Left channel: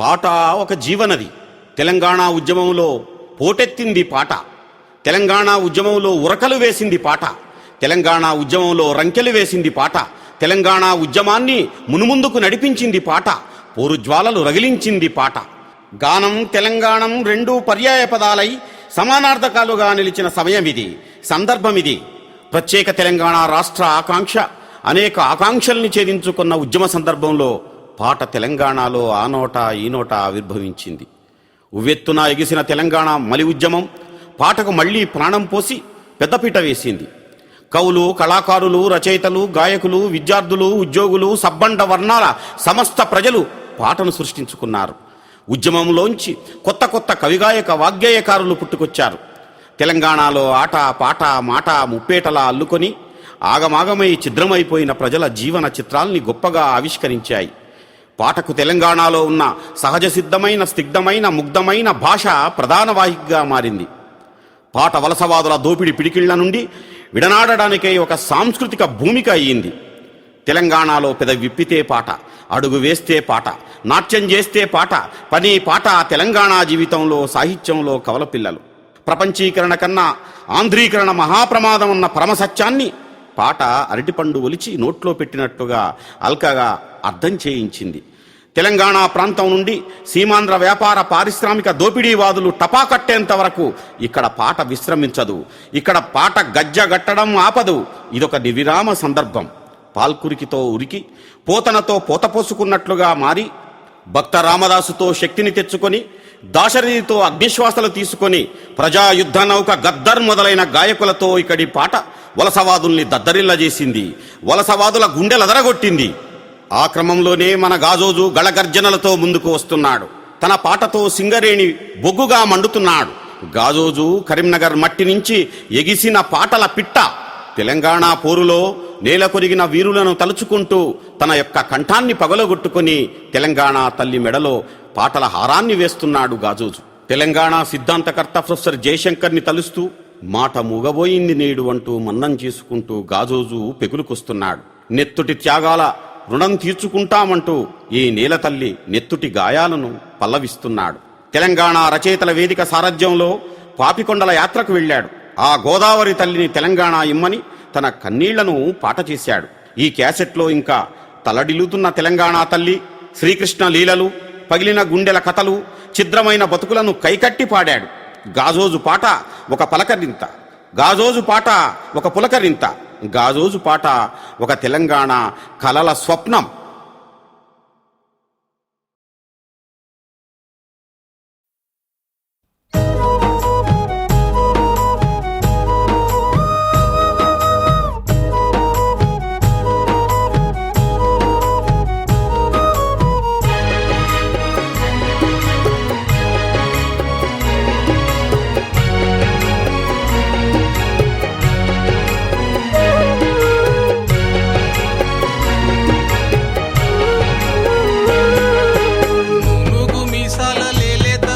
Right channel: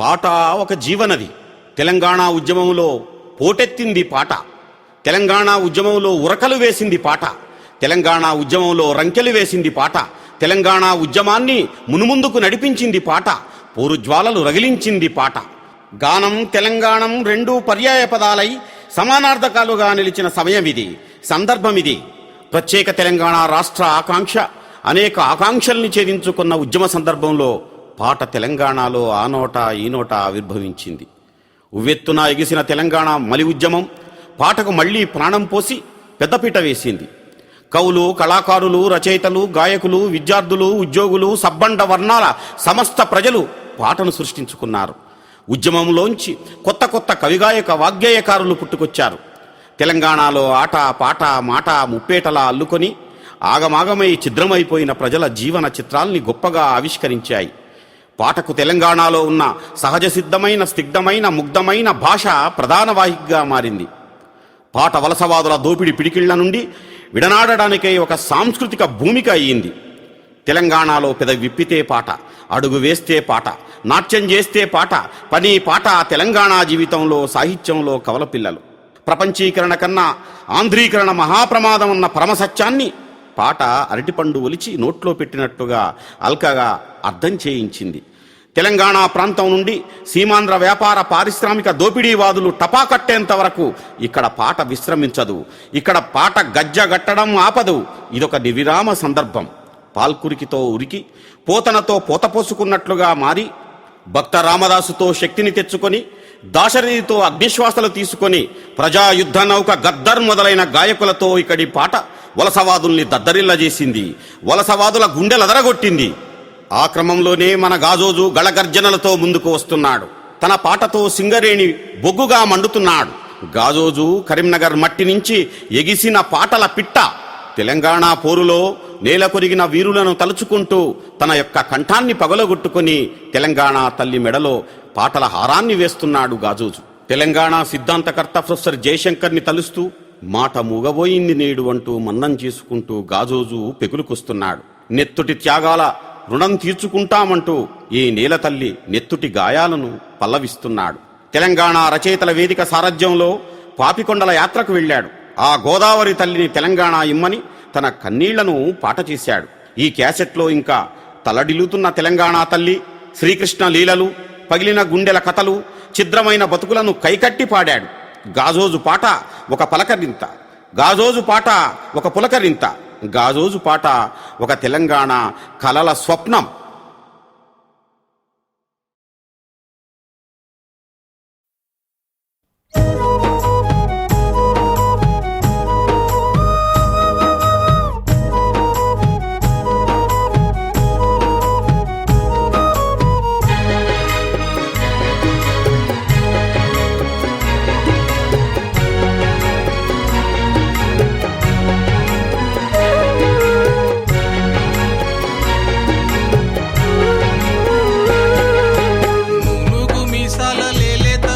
పాట ఒక జీవనది. తెలంగాణ ఉద్యమంలో పోటెత్తింది పాట. తెలంగాణ ఉద్యమంలో ఉరకలు వేసింది పాట. తెలంగాణ ఉద్యమంలో రంకెలు వేసింది పాట. తెలంగాణ ఉద్యమాన్ని మునుముందుకు నడిపించింది పాట. పోరుజ్వాలలు రగిలించింది పాట. గానం తెలంగాణం రెండూ పర్యాయ పదాలై సమానార్థకాలుగా నిలిచిన సమయమిది, సందర్భమిది. ప్రత్యేక తెలంగాణ రాష్ట్ర ఆకాంక్ష అనేక ఆకాంక్షల్ని ఛేదించుకున్న ఉద్యమ సందర్భంలో పాట తెలంగాణలో ఆ నోట ఈ నోట ఆవిర్భవించింది. ఉవ్వెత్తున ఎగిసిన తెలంగాణ మలి ఉద్యమం పాటకు మళ్లీ ప్రాణం పోసి పెద్దపీట వేసింది. కవులు, కళాకారులు, రచయితలు, గాయకులు, విద్యార్థులు, ఉద్యోగులు, సబ్బండ వర్ణాల సమస్త ప్రజలు పాటను సృష్టించుకున్నారు. ఉద్యమంలోంచి కొత్త కొత్త కవిగాయక వాగ్గేయకారులు పుట్టుకొచ్చారు. తెలంగాణలో ఆట పాట మాట ముప్పేటలా అల్లుకొని ఆగమాగమై ఛిద్రమైపోయిన ప్రజల జీవన చిత్రాల్ని గొప్పగా ఆవిష్కరించాయి. పాటకు తెలంగాణలో ఉన్న సహజ సిద్ధమైన స్నిగ్ధమైన ముగ్ధమైన భాష ప్రధాన వాహికగా మారింది. పాట వలసవాదుల దోపిడి పిడికిళ్ల నుండి విడనాడడానికై ఒక సాంస్కృతిక భూమిక అయ్యింది. తెలంగాణలో పెదవి విప్పితే పాట, అడుగు వేస్తే పాట, నాట్యం చేస్తే పాట, పని పాట తెలంగాణ జీవితంలో సాహిత్యంలో కవలపిల్లలు. ప్రపంచీకరణ కన్నా ఆంధ్రీకరణ మహాప్రమాదం అన్న పరమసత్యాన్ని పాట అరటిపండు ఒలిచి నోట్లో పెట్టినట్టుగా అల్కగా అర్థం చేయించింది. తెలంగాణ ప్రాంతం నుండి సీమాంధ్ర వ్యాపార పారిశ్రామిక దోపిడీవాదులు టపాకట్టేంత వరకు ఇక్కడ పాట విశ్రమించదు. ఇక్కడ పాట గజ్జగట్టడం ఆపదు. ఇదొక నిర్విరామ సందర్భం. పాల్కురికితో ఉరికి పోతనతో పోతపోసుకున్నట్లుగా మారి భక్త రామదాసుతో శక్తిని తెచ్చుకొని దాశరథితో అగ్నిశ్వాసలు తీసుకొని ప్రజాయుద్ధ నౌక గద్దర్ మొదలైన గాయకులతో ఇక్కడి పాట వలసవాదుల్ని దద్దరిల్లజేసింది. వలసవాదుల గుండెలదరగొట్టింది. ఆ క్రమంలోనే మన గాజోజు గళగర్జనలతో ముందుకు వస్తున్నాడు. తన పాటతో సింగరేణి బొగ్గుగా మండుతున్నాడు. గాజోజు కరీంనగర్ మట్టి నుంచి ఎగిసిన పాటల పిట్ట. తెలంగాణ పోరులో నేల కొరిగిన వీరులను తలుచుకుంటూ తన యొక్క కంఠాన్ని పగలగొట్టుకుని తెలంగాణ తల్లి మెడలో పాటల హారాన్ని వేస్తున్నాడు గాజోజు. తెలంగాణ సిద్ధాంతకర్త ప్రొఫెసర్ జయశంకర్ని తలుస్తూ మాట మూగబోయింది నేడు అంటూ మన్నం చేసుకుంటూ గాజోజు పెకులుకొస్తున్నాడు. నెత్తుటి త్యాగాల రుణం తీర్చుకుంటామంటూ ఈ నేల తల్లి నెత్తుటి గాయాలను పల్లవిస్తున్నాడు. తెలంగాణ రచయితల వేదిక సారథ్యంలో పాపికొండల యాత్రకు వెళ్ళాడు. ఆ గోదావరి తల్లిని తెలంగాణ ఇమ్మని తన కన్నీళ్లను పాట చేశాడు. ఈ క్యాసెట్లో ఇంకా తలడిల్లుతున్న తెలంగాణ తల్లి, శ్రీకృష్ణ లీలలు, పగిలిన గుండెల కథలు, ఛిద్రమైన బతుకులను కైకట్టి పాడాడు. గాజోజు పాట ఒక పలకరింత, గాజోజు పాట ఒక పులకరింత, గాజోజు పాట ఒక తెలంగాణ కలల స్వప్నం.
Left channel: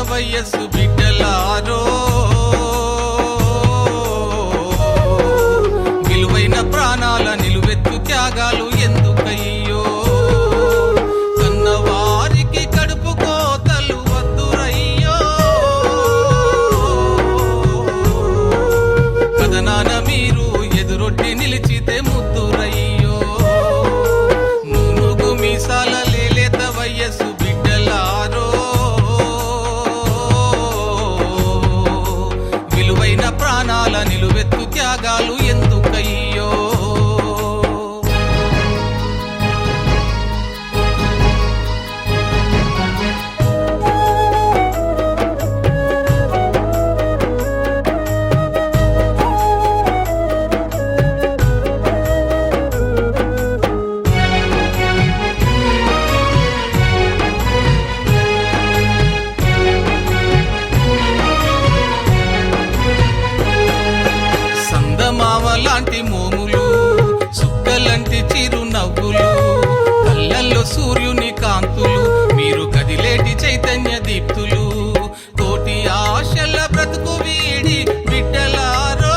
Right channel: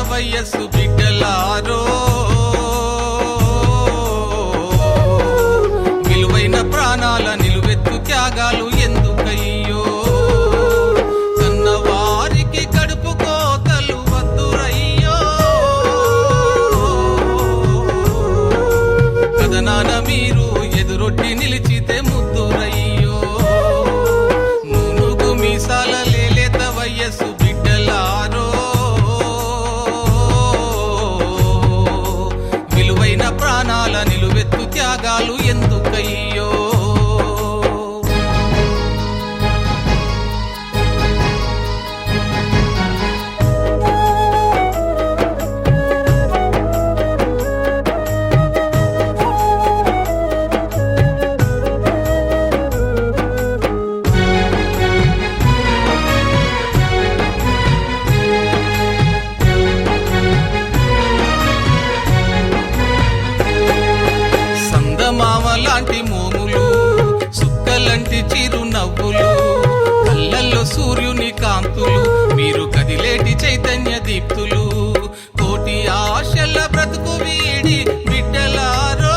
వయస్సు బిడ్డలారో, విలువైన ప్రాణాల నిలువెత్తు త్యాగాలు ఎందుకయ్యో, కన్నవారికి కడుపు కోతలు వద్దురయ్యో, కథనాన మీరు ఎదురొడ్డి నిలిచితే ముద్దురయ్యో, నూనుగు మీసాల లేలేత వయస్సు బిడ్డలారో, విలువైన ప్రాణాల నిలువెత్తు త్యాగాలు ఎందుకయ్యో. మామలాంటి మోములు, సుక్కలంటి చిరు నవ్వులు, కళ్ళల్లో సూర్యుని కాంతులు, మీరు కదిలేటి చైతన్య దీప్తులు, కోటి ఆశల బ్రతుకు వీడి బిడ్డలారో,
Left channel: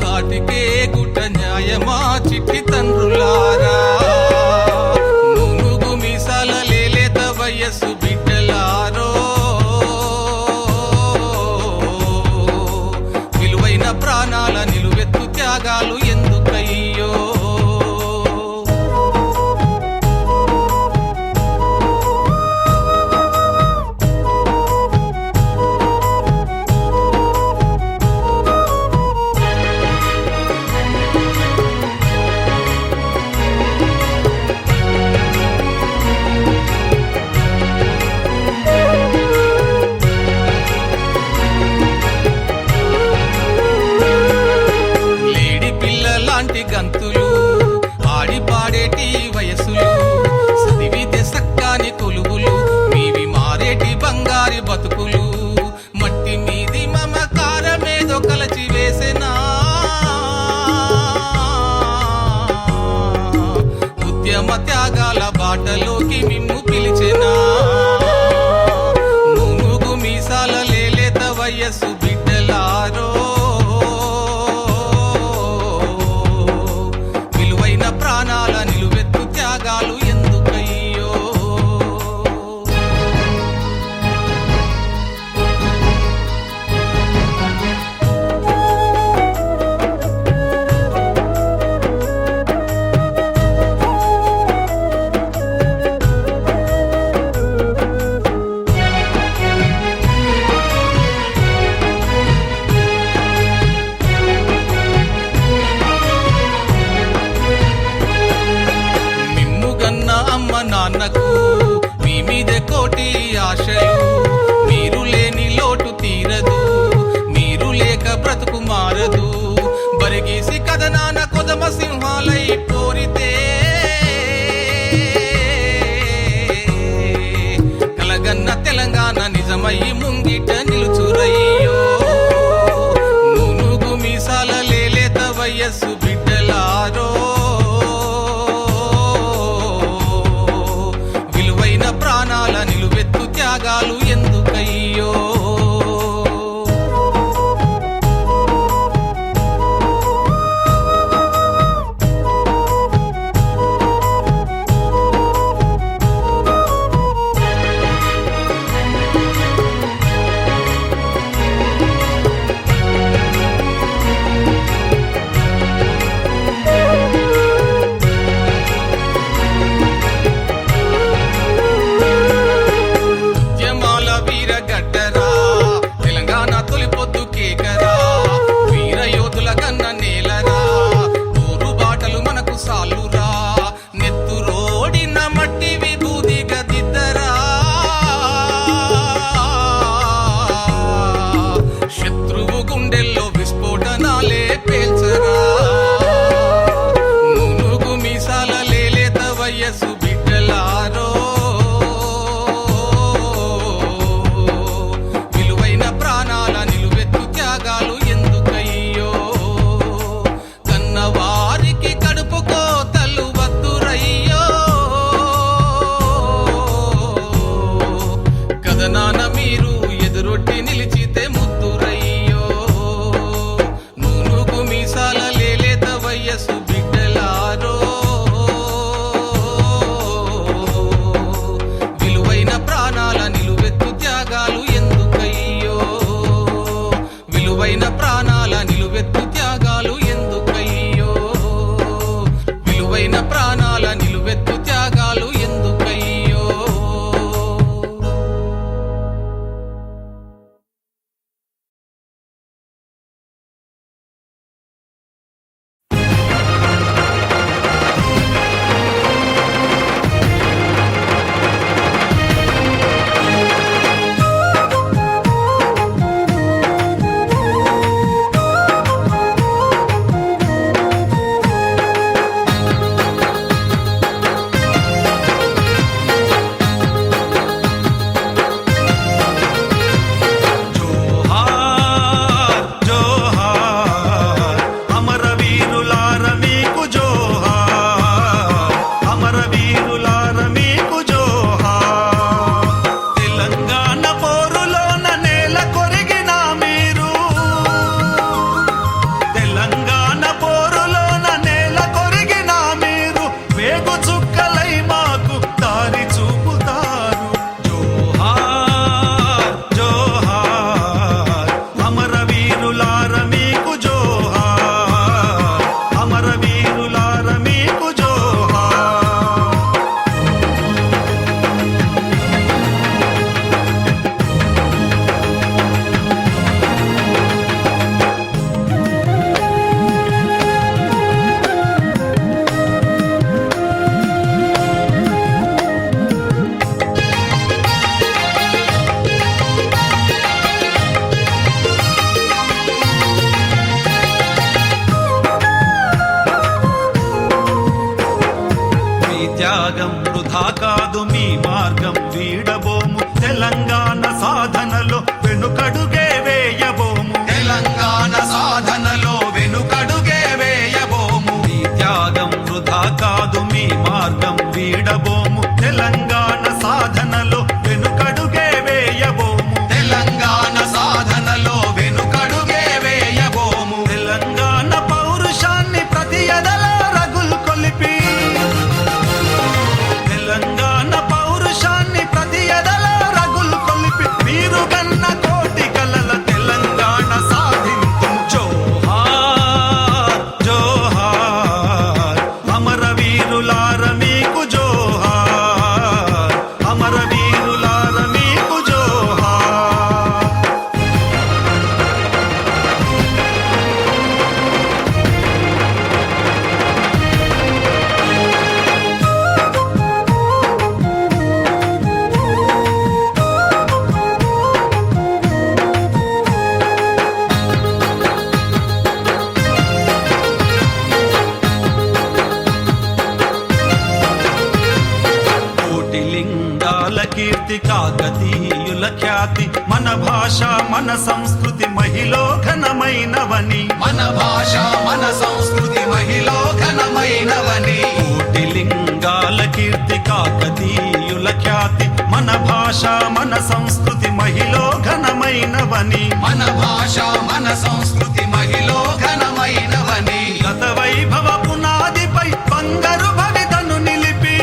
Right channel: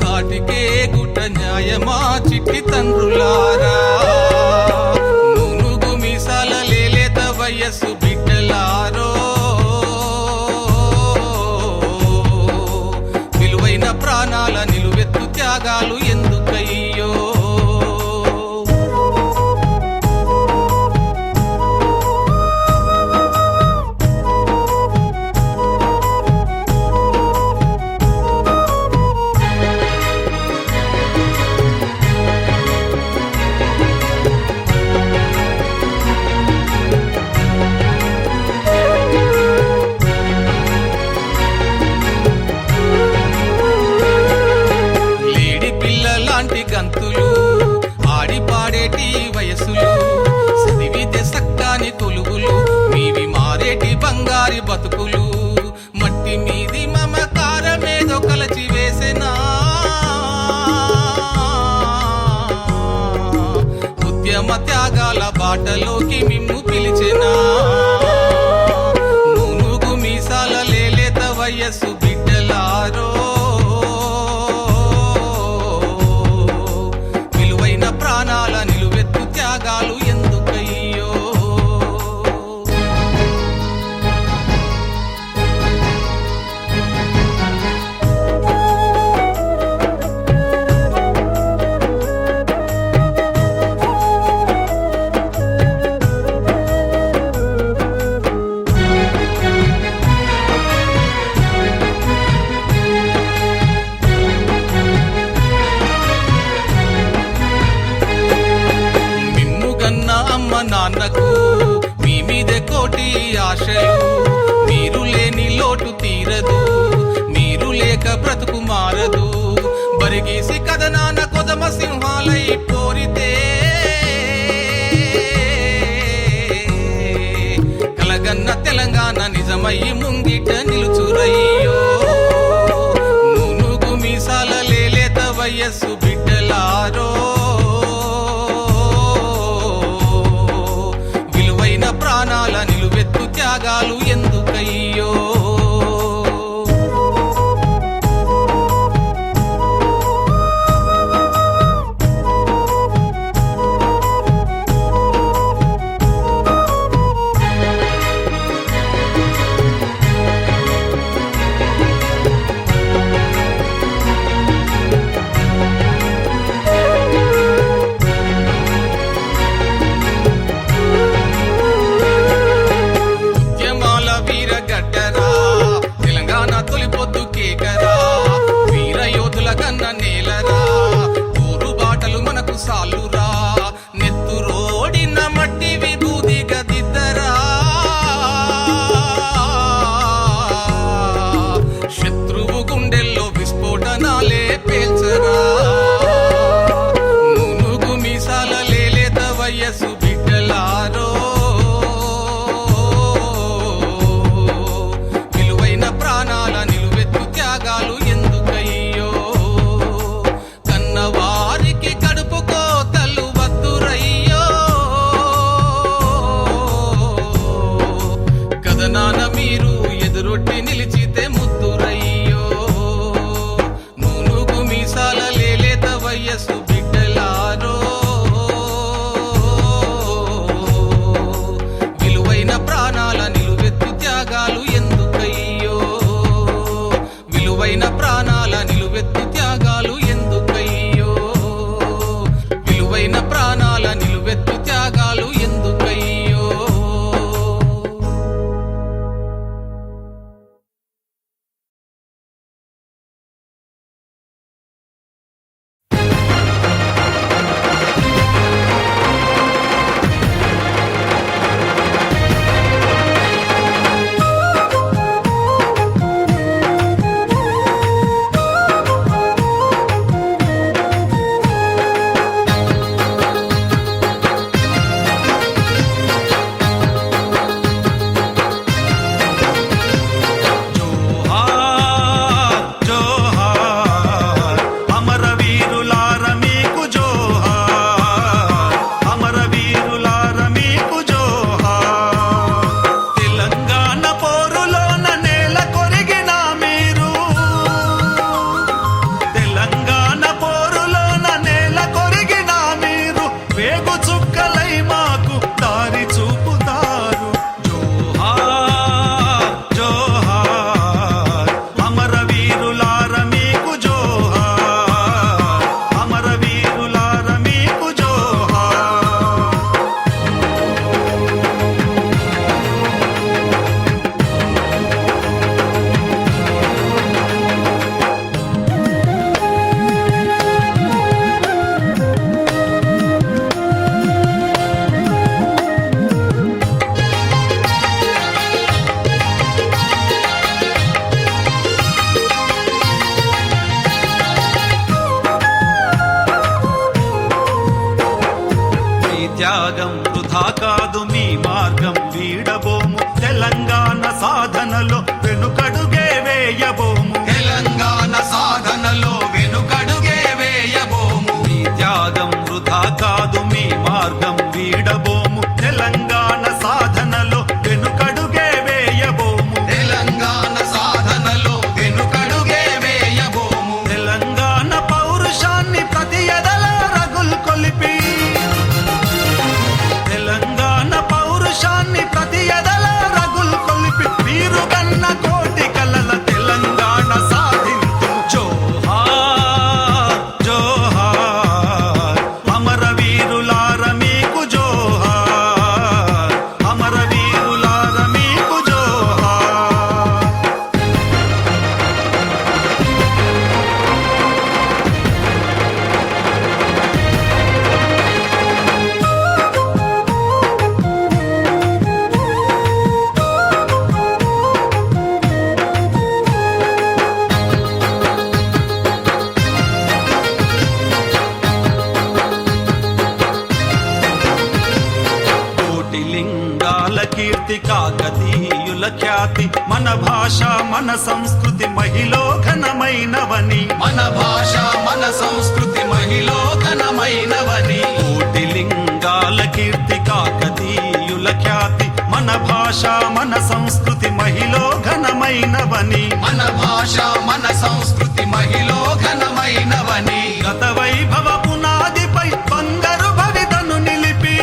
కాటికే గుట్ట న్యాయమా చిట్టి తండ్రులారా, వయస్సు బిడ్డలారో, విలువైన ప్రాణాల నిలువెత్తు త్యాగాలు ఎందుకయ్యో. లాంటి గంతులు ఆడి పాడేటి వయసులు, చదివితే సక్కాని కొలువులు, మీవి మారేటి బంగారి బతుకులు, మట్టి మీది మమకారమేదో కలచి వేసెనా, ఉద్యమ త్యాగాల బాటలోకి మిమ్ము పిలిచెనా, నూనుగు మీసాల లేలేత వయస్సు బిడ్డలారో, ప్రాణాల నిలువెత్తు త్యాగాలు ఎందుకయ్యో. అమ్మ నాన్నకు మీ మీదే కోటి ఆశలు, మీరు లేని లోటు తీరదు, మీరు లేక బ్రతుకు మారదు, బరిగీసి కథనాన కొదమ సింహాలై పోరితే, కలగన్న తెలంగాణ నిజమయ్యి ముంగిట నిలుచురయ్యో. నూనుగు మీసాల లేలేత వయస్సు బిడ్డలారో, ప్రాణాల నిలువెత్తు త్యాగాలు ఎందుకయ్యో. గడ్డరా తెలంగాణ తొలిపొద్దు కేకరా, వీర యోధుల కన్న నేలరా, ఊరు బాటలు మనకు సాలురా, నెత్తు రోడిన మట్టి విభూది గదిద్దరా, శత్రువు గుండెల్లో విస్ఫోటనాలే పేల్చరా, నూనుగు మీసాల లేలేత వయస్సు బిడ్డలారో, ప్రాణాల నిలువెత్తు త్యాగాలు ఎందుకయ్యో. కన్నవారికి కడుపు కోతలు వద్దురయ్యో, కథనాన మీరు ఎదురొట్టి నిలిచితే ముద్దురయ్యో. నూనుగు మీసాల లేలేత వయస్సు బిడ్డలారో, విలువైన ప్రాణాల నిలువెత్తు త్యాగాలు ఎందుకయ్యో, విలువైన ప్రాణాల నిలువెత్తు త్యాగాలు ఎందుకయ్యో, విలువైన ప్రాణాల నిలువెత్తు త్యాగాలు ఎందుకయ్యో. వేగు చుక్కలై మాకు దారి చూపుతారు. త్యాగం వృధా కాదు మీ మార్గం వీడబోము తెలంగాణ సాధనలో వెనుకడుగే వేయబోము తెలంగాణ సాధనలో వెనుకడుగే వేయబోము మీ త్యాగం వృధా కాదు మీ మార్గం వీడబోము తెలంగాణ సాధనలో వెనుకడుగే వేయబోము తెలంగాణ సాధనలో వెనుకడుగే వేయబోము తెలంగాణ పౌరుషాన్ని ప్రతి ఎదలో రగులు కొలిపి తెలంగాణ పౌరుషాన్ని ప్రతి ఎదలో రగులు కొలిపి మీరు కన్న కోటి కలల తెలంగాణ సాధింతుము జోహార్ జోహార్ అమరవీరులార మీకు జోహార్ అమరవీరులార మీకు జోహార్ కోటి లింగాల కీర్తి కాకతీయుల ఖ్యాతి మన భాష మన సంస్కృతి మహిలో ఘనమైనవని మన భాష మన సంస్కృతి మహిలో ఘనమైనవని కోటి లింగాల కీర్తి కాకతీయుల ఖ్యాతి మన భాష మన సంస్కృతి మహిలో ఘనమైనవని మన భాష మన సంస్కృతి మహిలో ఘనమైనవని గత వైభవ పునాదిపై బంగారు భవితను నిలిపి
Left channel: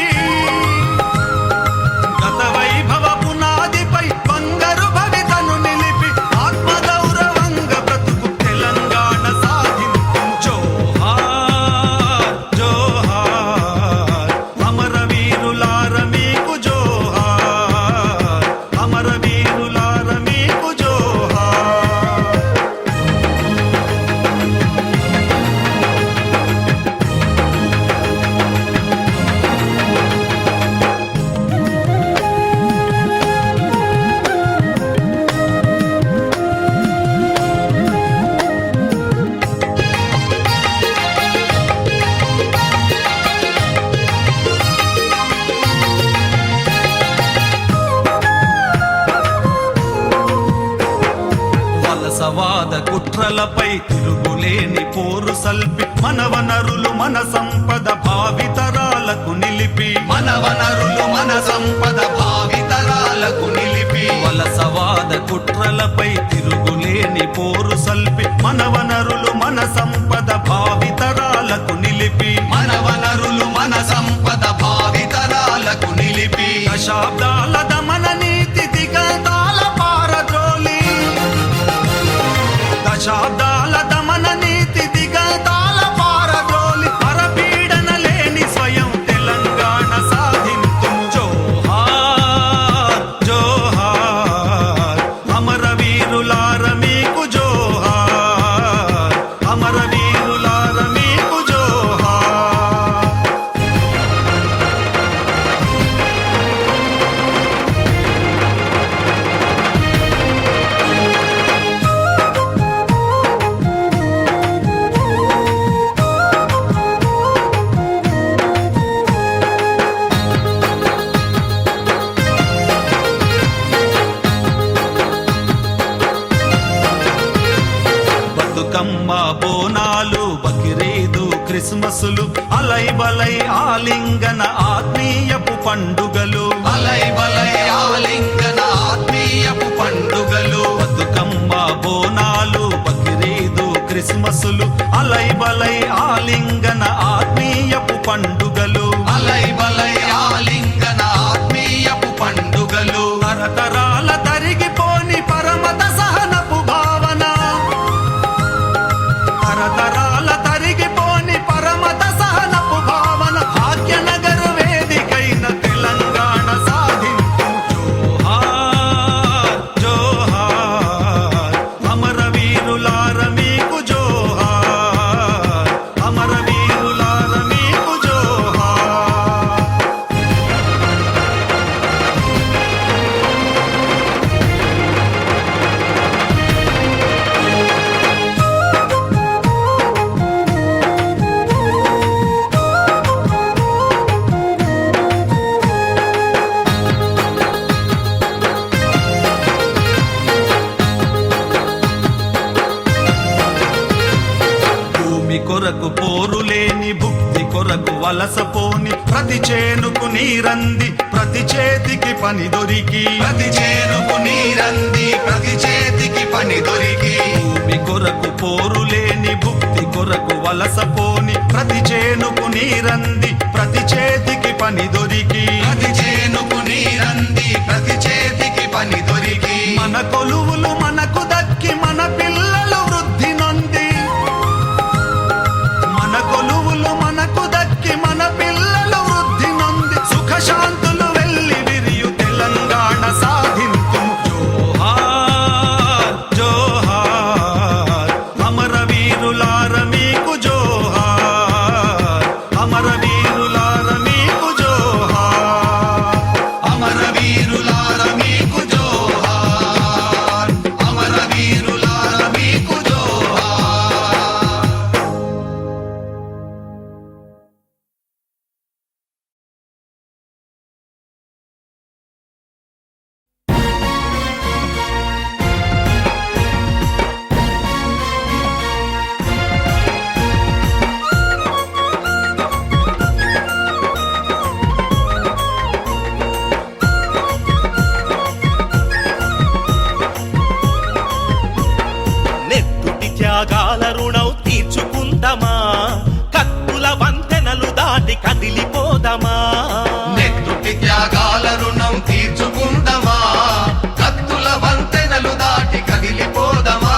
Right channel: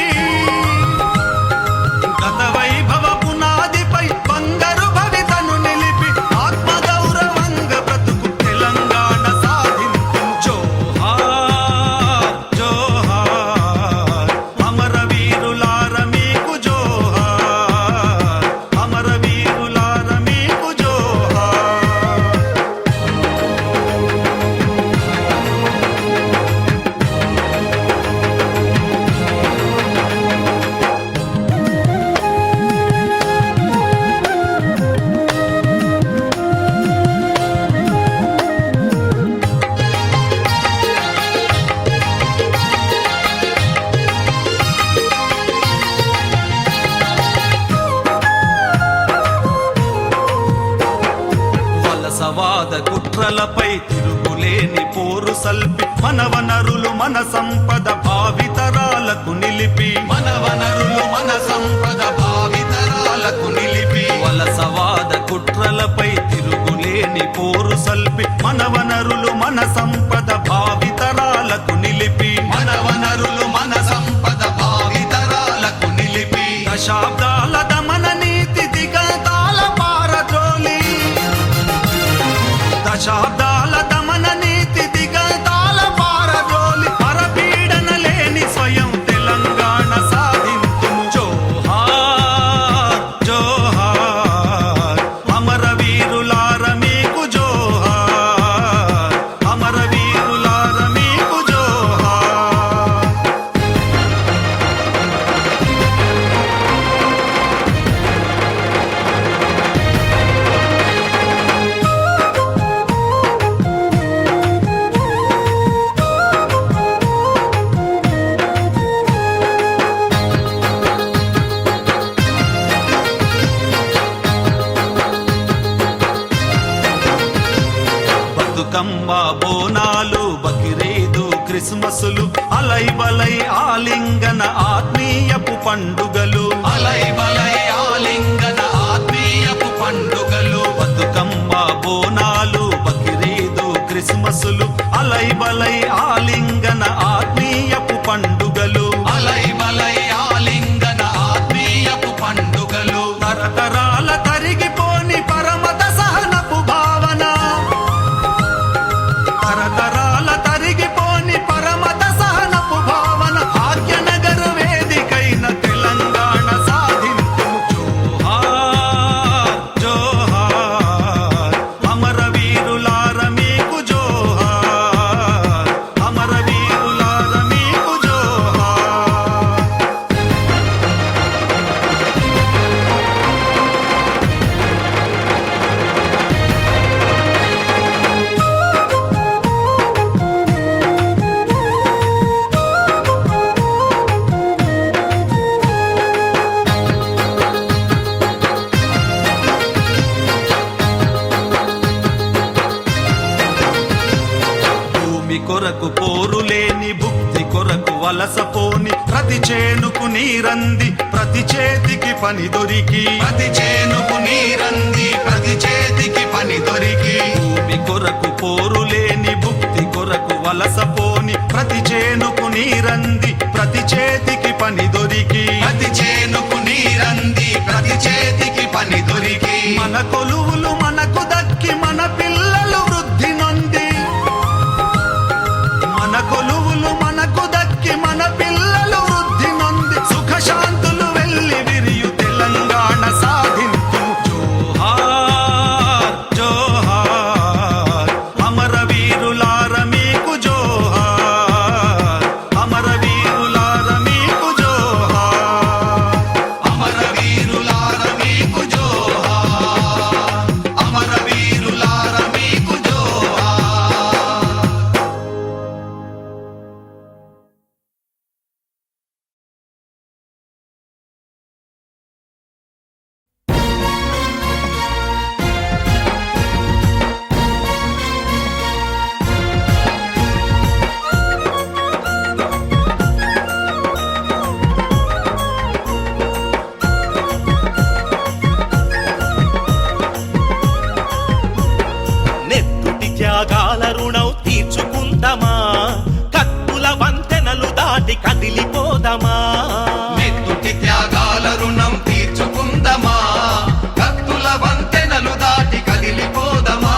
గత వైభవ పునాదిపై బంగారు భవితను నిలిపి ఆత్మగౌరవంగా బ్రతుకు తెలంగాణ సాధింపు జోహార్ జోహార్ అమరవీరులార మీకు జోహార్ అమరవీరులార మీకు జోహార్ వలసవాద కుట్రలపై తిరుగులేని పోరు సల్పి మన వనరులు మన సంపద భావితరాలకు నిలిపి మన వనరులు మన సంపద భావితరాలకు నిలిపి వలసవాద కుట్రలపై తిరుగులేని పోరు సల్పి మన వనరులు మన సంపద భావితరాలకు నిలిపి మన వనరులు మన సంపద భావితరాలకు నిలిపి దశాబ్దాల దమన నీతి దిగతాల పారద్రోలి దశాబ్దాల దమన నీతి దిగతాల పారద్రోలి పరపీడన లేని స్వయం తెలంగాణ సాధింతుము జోహార్ జోహార్ అమరవీరులార మీకు జోహార్ అమరవీరులార మీకు జోహార్ బతుకమ్మ బోనాలు బకిరీదు క్రిస్మసులు అలై బలై ఆలింగన ఆత్మీయపు పండుగలు అలై బలై ఆలింగన ఆత్మీయపు పండుగలు బతుకమ్మ బోనాలు బకిరీదు క్రిస్మసులు అలై బలై ఆలింగన ఆత్మీయపు పండుగలు అలై బలై ఆలింగన ఆత్మీయపు పండుగలు తరతరాల తరిగిపోని పరమత సహనపు భావన తరతరాల తరిగిపోని పరమత సహనపు భావన భాగ్యనగర్ వేదికైన తెలంగాణ సాధింపు జోహార్ జోహార్ అమరవీరులార మీకు జోహార్ అమరవీరులార మీకు జోహార్ భూమి కొరకు పోరులేని భుక్తి కొరకు వలసపోని ప్రతి చేనుకు నీరంది ప్రతి చేతికి పని దొరికి ప్రతి చేనుకు నీరంది ప్రతి చేతికి పని దొరికి భూమి కొరకు పోరులేని భుక్తి కొరకు వలసపోని ప్రతి చేనుకు నీరంది ప్రతి చేతికి పని దొరికి ప్రతి చేనుకు నీరంది ప్రతి చేతికి పని దొరికి మన కొలువులు మనకు దక్కి మన పిల్లలు వృద్ధి నొంది మన కొలువులు మనకు దక్కి మన పిల్లలు వృద్ధి నొంది సుఖశాంతులు వెళ్ళి విరియు తెలంగాణ సాధింతుము జోహార్ జోహార్ అమరవీరులార మీకు జోహార్ అమరవీరులార మీకు జోహార్ అమరవీరులార మీకు జోహార్ అమరవీరులార మీకు జోహార్. నెత్తుటి త్యాగాల రుణం తీర్చుకుందమా కత్తుల వంతెనలు దాటి కదిలిపోదమా నెత్తుటి త్యాగాల రుణం తీర్చుకుందమా కత్తుల వంతెనలు దాటి కదిలిపోదమా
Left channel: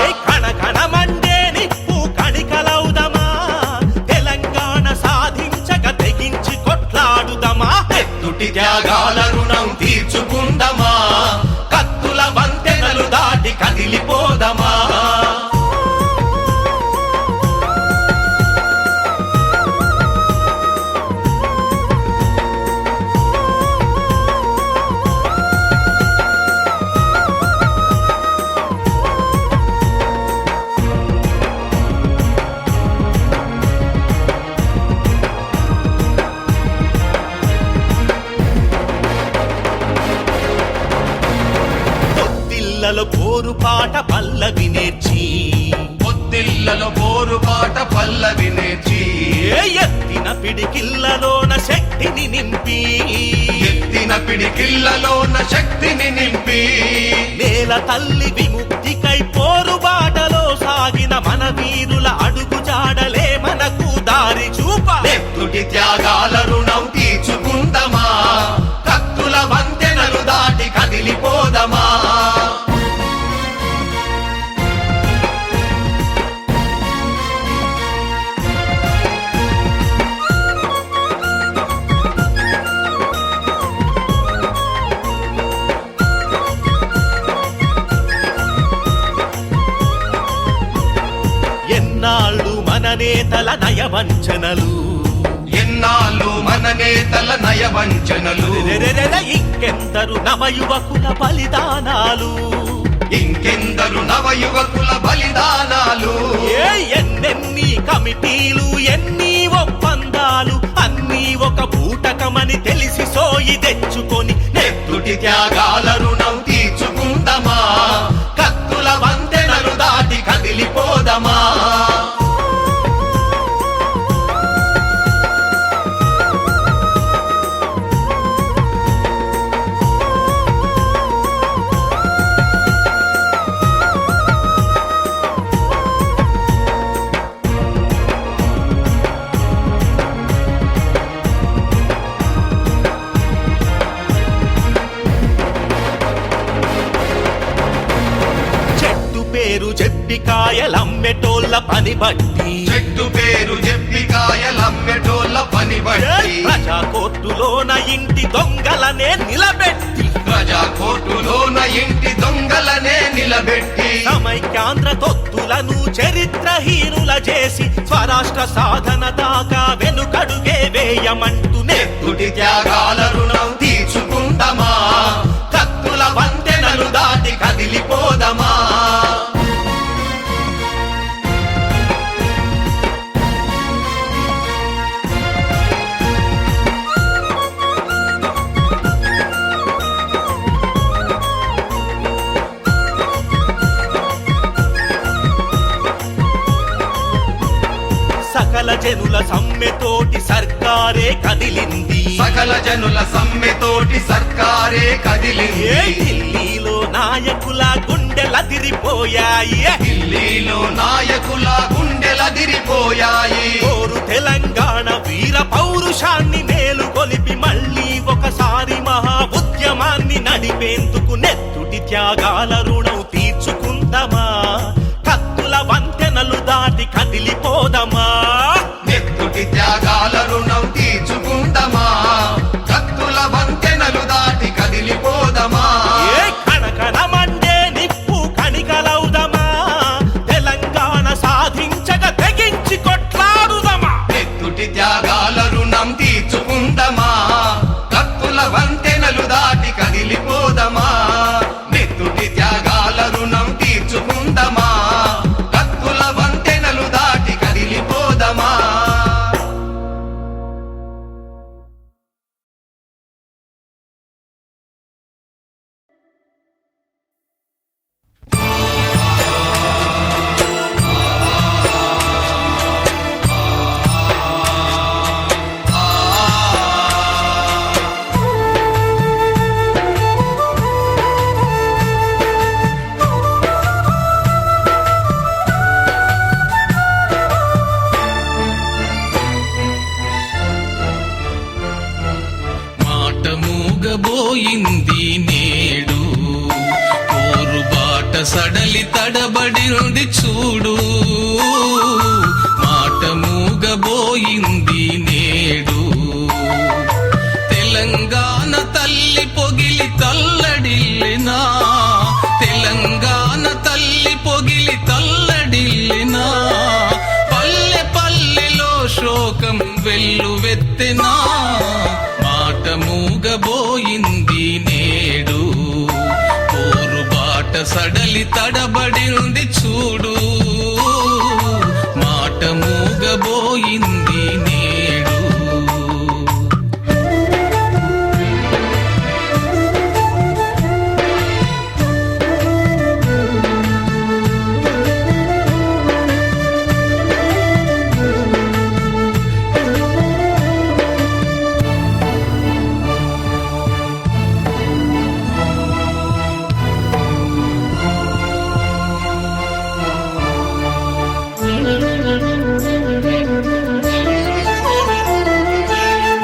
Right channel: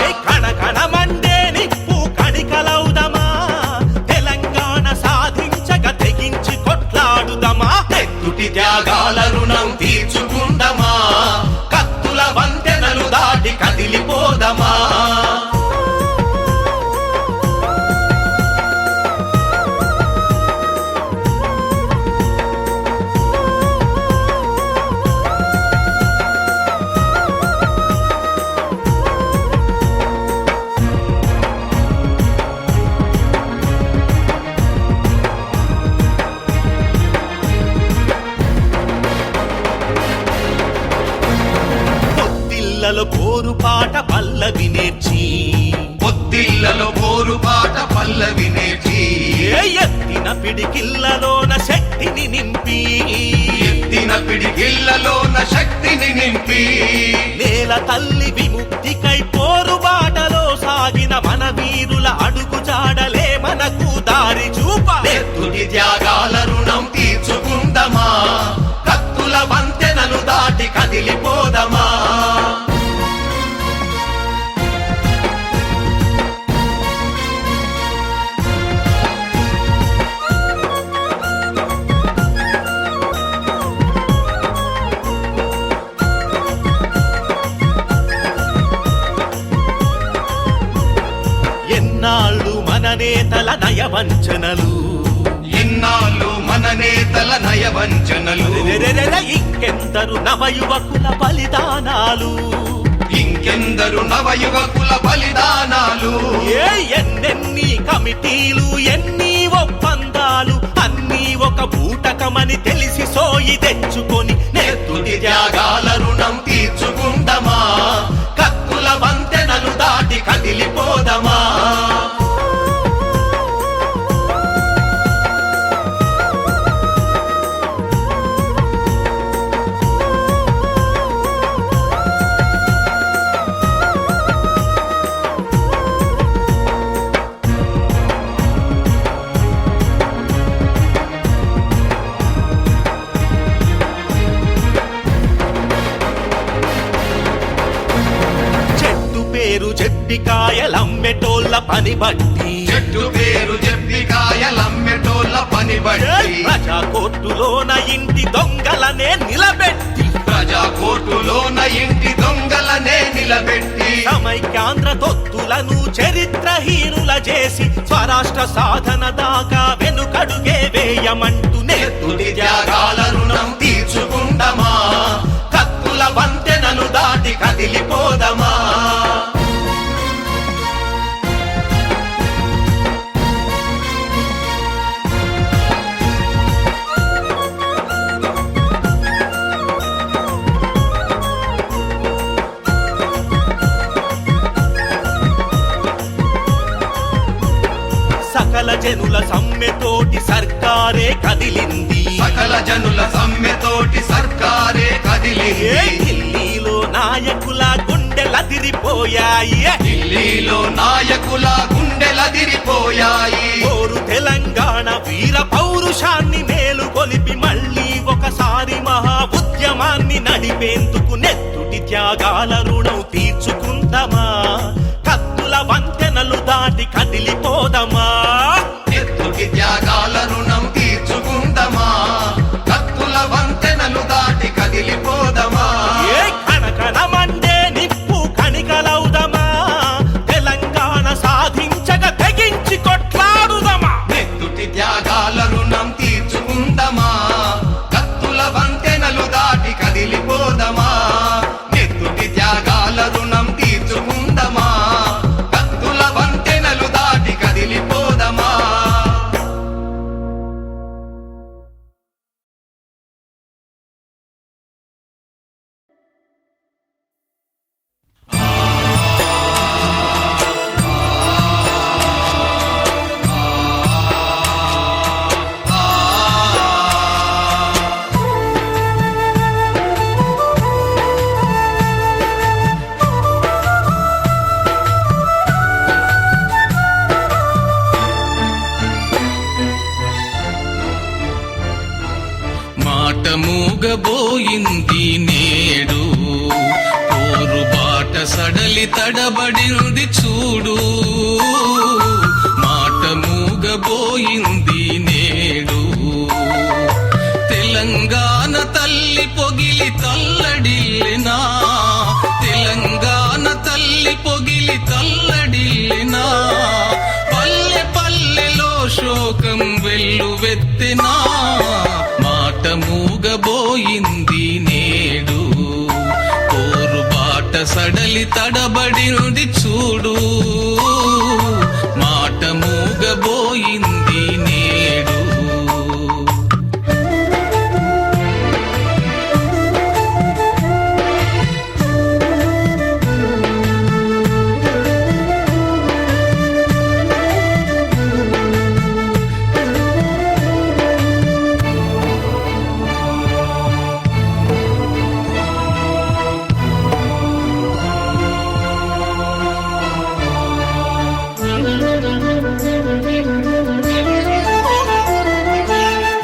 ఏ కణ కణమండే నిప్పు కణికలవుదమా తెలంగాణ సాధించక తెగించి కొట్లాడుదమా నెత్తుటి త్యాగాల రుణం తీర్చుకుందమా కత్తుల వంతెనలు దాటి కదిలిపోదమా పొత్తిళ్లలో పోరుపాట పల్లవి నేర్చి పొత్తిళ్లలో పోరుపాట పల్లవి నేర్చి ఏ ఎత్తిన పిడికిళ్లలోన శక్తిని నింపి ఎత్తిన పిడికిళ్లలోన శక్తిని నింపి నేల తల్లి విముక్తికై పోరుబాటలో సాగిన మన వీరుల అడుగు జాడలే మనకు దారి చూప నెత్తుటి త్యాగాల రుణం తీర్చుకుందమా కత్తుల వంతెనలు దాటి కదిలిపోదమా ఎన్నాళ్ళు మన నేతల నయవంచనలు ఎన్నాళ్ళు మన నేతల నయవంచనలు రెరెరెరె ఇంకెందరు నవయువకుల బలిదానాలు ఇంకెందరు నవయువకుల బలిదానాలు ఏ ఎన్నెన్ని కమిటీలు ఎన్ని ఒప్పందాలు అన్నీ ఒక బూటకమని తెలిసి సోయి తెచ్చుకొని నెత్తుటి త్యాగాల రుణం తీర్చుకుందమా కత్తుల వంతెనలు దాటి కదిలిపోదమా పేరు చెప్పి కాయలమ్మెటోళ్ళ పని బట్టి చెట్టు పేరు చెప్పి కాయలమ్మెటోళ్ళ పని బట్టి ప్రజా కోర్టులోన ఇంటి దొంగలనే నిలబెట్టి ప్రజా కోర్టులోన ఇంటి దొంగలనే నిలబెట్టి సమైక్యాంధ్ర తొత్తులను చరిత్రహీనుల చేసి స్వరాష్ట్ర సాధన దాకా వెనుకడుగే వేయమంటూ నెత్తుటి త్యాగాల రుణం తీర్చుకుందమా కత్తుల వంతెనలు దాటి కదిలిపోదమా సకల జనుల సమ్మెతోటి సర్కారే కదిలింది. సకల జనుల సమ్మెతోటి సర్కారే కదిలింది. ఏ ఢిల్లీలో నాయకుల గుండెలదిరిపోయాయి. ఢిల్లీలో నాయకుల గుండెలదిరిపోయాయి. కోరు తెలంగాణ వీర పౌరుషాన్ని మేలుకొలిపి మళ్ళీ ఒకసారి మహా ఉద్యమాన్ని నడిపేందుకు నెత్తుటి త్యాగాల రుణం తీర్చుకుందామా, కత్తుల వంతెనలు దాటి కదిలిపోదమా. నెత్తుటి త్యాగాల రుణం తీర్చుకుందామా, కత్తుల వంతెనలు దాటి కదిలిపోదమా. ఏ కణకణ మండే నిప్పు కణికలవుదమా, తెలంగాణ సాధించక తెగించి కొట్లాడుదమా. నెత్తుటి త్యాగాల రుణం తీర్చుకుందామా, కత్తుల వంతెనలు దాటి కదిలిపోదమా. నెత్తుటి త్యాగాల రుణం తీర్చుకుందామా, కత్తుల వంతెనలు దాటి కదిలిపోదమా. మాట మూగబోయింది నేడు, ఊరు బాట సడలి తడబడింది చూడు. మాట మూగబోయింది నేడు, తెలంగాణ తల్లి పొగిలి తల్లడిల్లినా, తెలంగాణ తల్లి పొగిలి తల్లడిల్లినా. పల్లె పల్లెలో శోకం వెల్లువెత్తెనా. మాట మూగబోయింది నేడు, ఊరు బాట సడలి తడబడింది చూడు. మాట మూగబోయింది నేడు.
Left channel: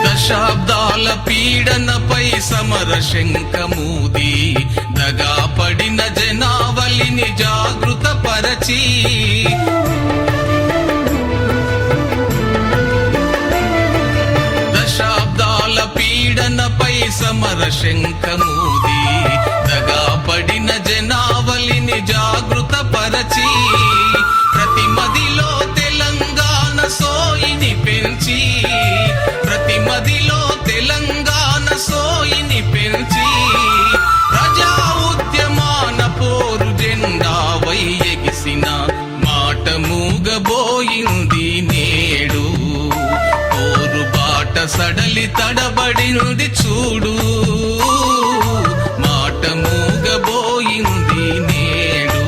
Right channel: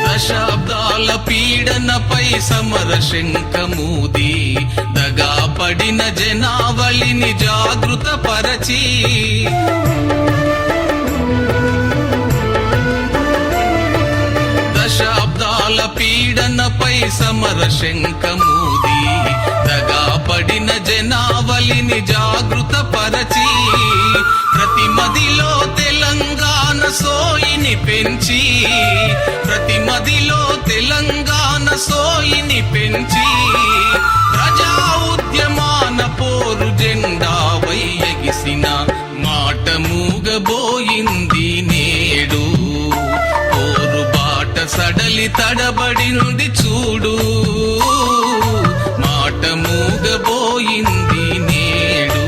దశాబ్దాల పీడనపై సమర శంఖమూది, దగా పడిన జనావళిని జాగృత పరచి. దశాబ్దాల పీడనపై సమర శంఖమూది, దగా పడిన జనావళిని జాగృత పరచి. ప్రతి మదిలో తెలంగాణ సోయిని పెంచి, ప్రతి మదిలో తెలంగాణ సోయిని పెంచి. ప్రజా ఉద్యమాన పోరు జెండా వై ఎగిసిన. మాట మూగబోయింది నేడు, పోరు బాట సడలి తడబడింది చూడు. మాట మూగబోయింది నేడు.